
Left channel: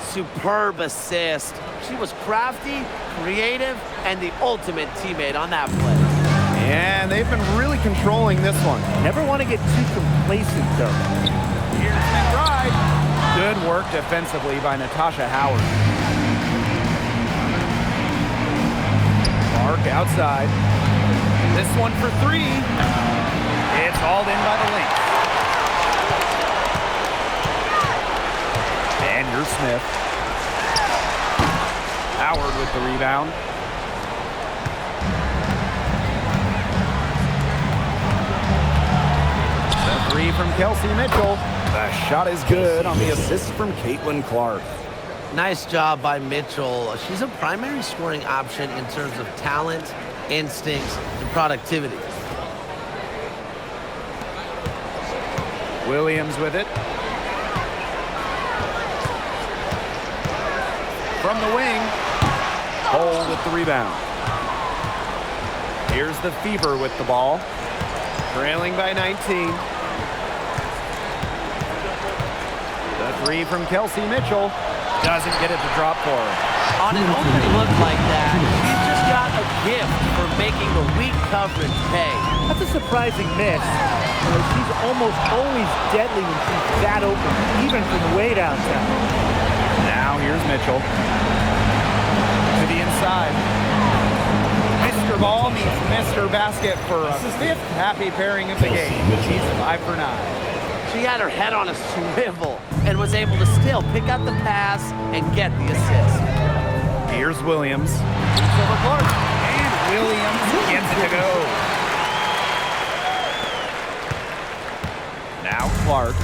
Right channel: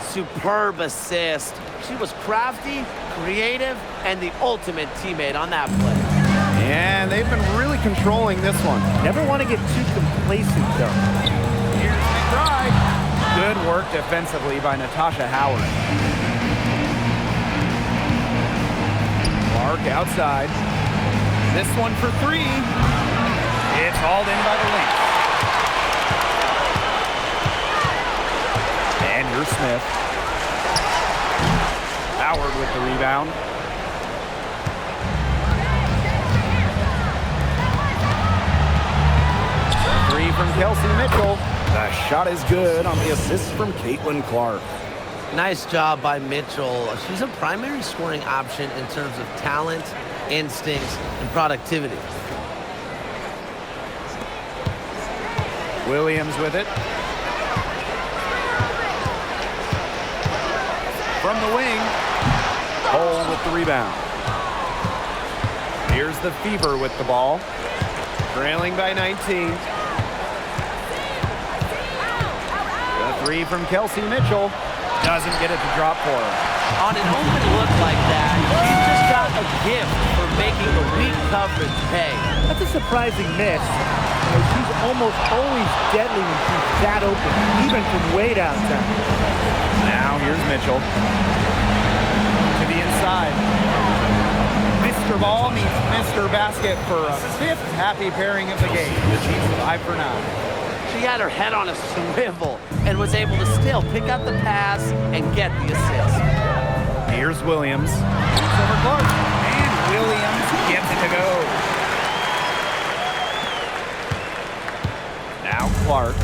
Superb assist. She was crafty, creative, and the ultimate teammate on that play. And they've been really controlling this one. Never want to get too complacent, though. Here's McBride. Good work defensively by Natasha Howard. Clark outside. This one for 3. It's hauled in by the Lynx. And here's Smith. Howard with the rebound. The 3 from Kelsey Mitchell. The shot is good on the assist from Caitlin Clark. Nice job by Mitchell. She's a primary scoring option in terms of talent, instincts, and productivity. Williams with it. From the wing. Hull with the rebound. Here's the Fever with the ball. Trailing by 19. The 3 from Kelsey Mitchell. Doesn't get it to drop for her. On an open look like that, she's just got a gift for making the weak coverage pay. That's a surprising miss. You know, she's almost always deadly when she's that open, even from way downtown. Now here's Mitchell. To the inside. Mr. Ball meets Mr. Basket for a 5th happy pairing of the game. She's 5 for 9. She had her head on a swivel and was able to still pick out the pass and get the assist. Here's Williams. Shoots over Clark. And Williams gets it to go. Now Clark.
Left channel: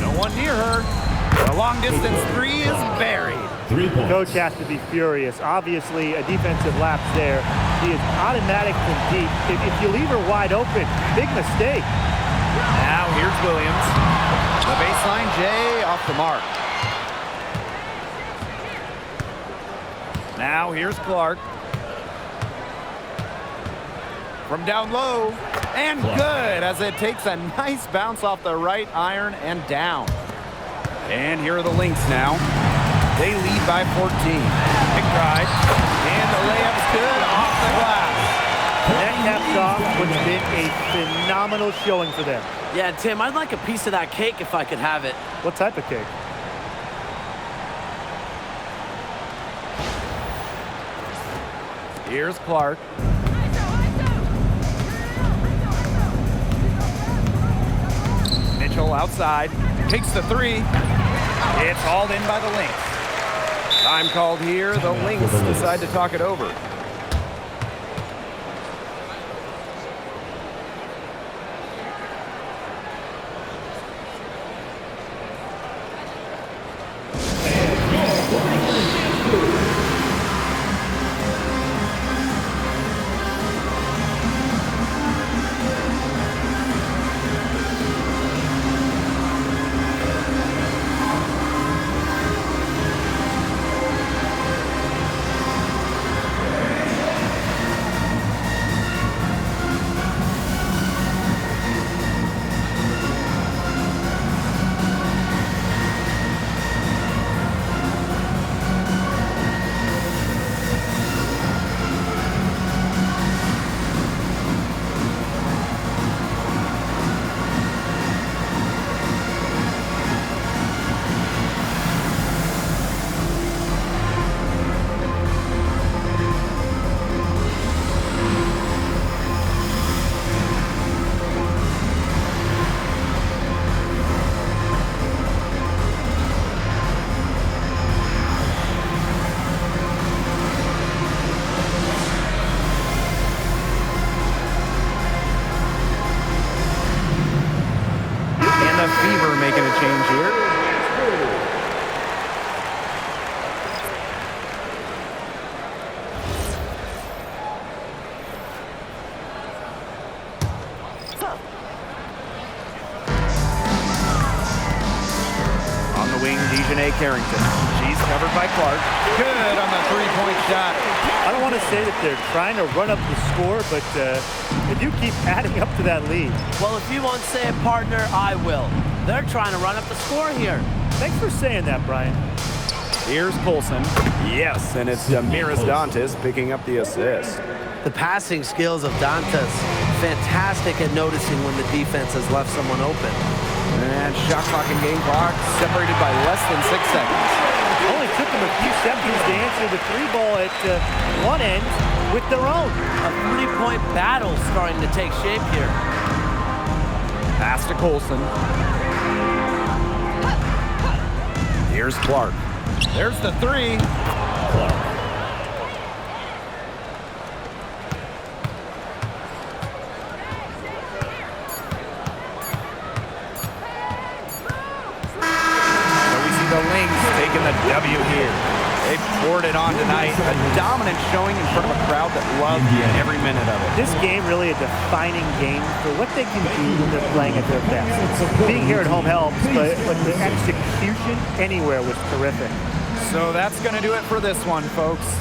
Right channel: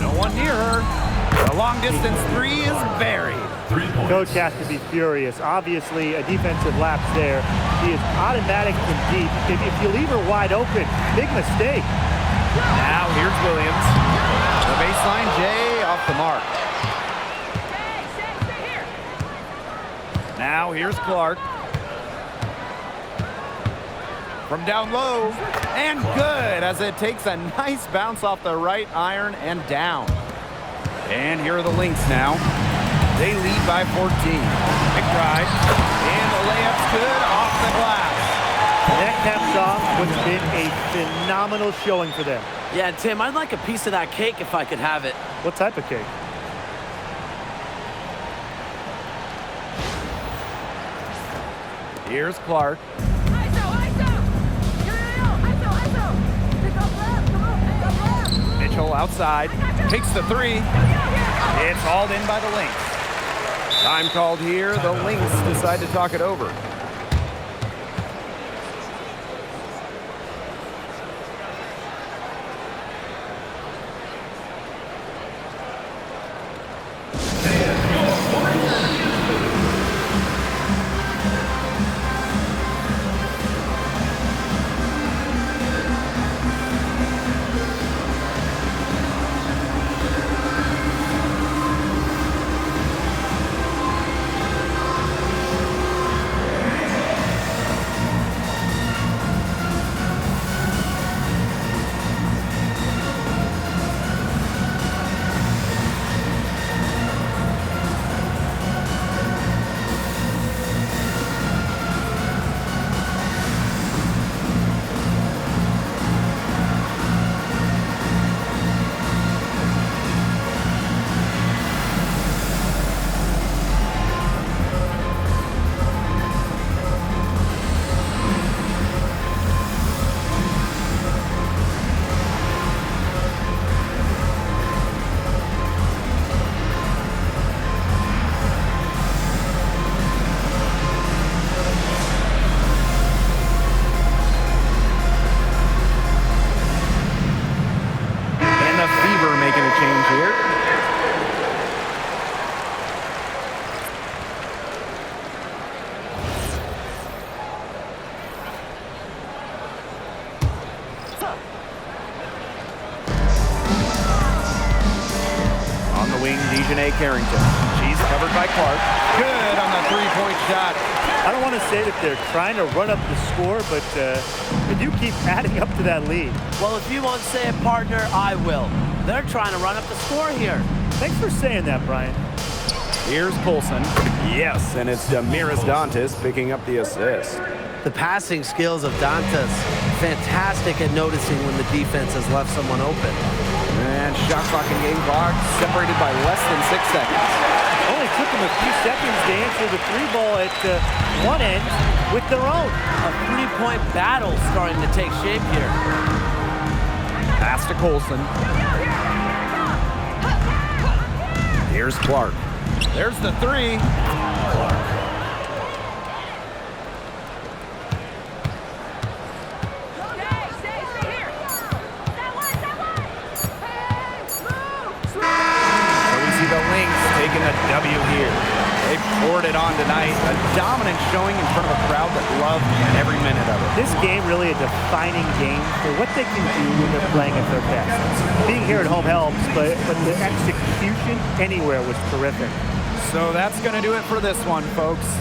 No one near her. The long distance 3 is buried. 3 points. Coach has to be furious. Obviously, a defensive lapse there. She is automatic from deep. If you leave her wide open, big mistake. Now here's Williams. The baseline J off the mark. Now here's Clark. From down low. And good as it takes a nice bounce off the right iron and down. And here are the Lynx now. They lead by 14. McBride. And the layup's good off the glass. That caps off what's been a phenomenal showing for them. Yeah, Tim, I'd like a piece of that cake if I could have it. What type of cake? Here's Clark. Mitchell outside. Takes the 3. It's hauled in by the Lynx. Time called here. The Lynx decide to talk it over. Fever making a change here. On the wing, Dejanay Carrington. She's covered by Clark. Good on the three-point shot. I don't want to say that they're trying to run up the score, but they do keep adding up to that lead. Well, if you won't say it, partner, I will. They're trying to run up the score here. Thanks for saying that, Brian. Here's Colson. Yes, and it's Damiris Dantas picking up the assist. The passing skills of Dantas, fantastic at noticing when the defense has left someone open. And shot clock and game clock separated by less than 6 seconds. Only took them a few seconds to answer the three ball at one end with their own. A three-point battle starting to take shape here. Pass to Colson. Here's Clark. There's the three. So we see the Lynx taking the W here. They poured it on tonight. A dominant showing in front of a crowd that loved every minute of it. This game really a defining game for what they can do when they're playing at their best. Being here at home helps, but the execution anywhere was terrific. So that's going to do it for this one, folks.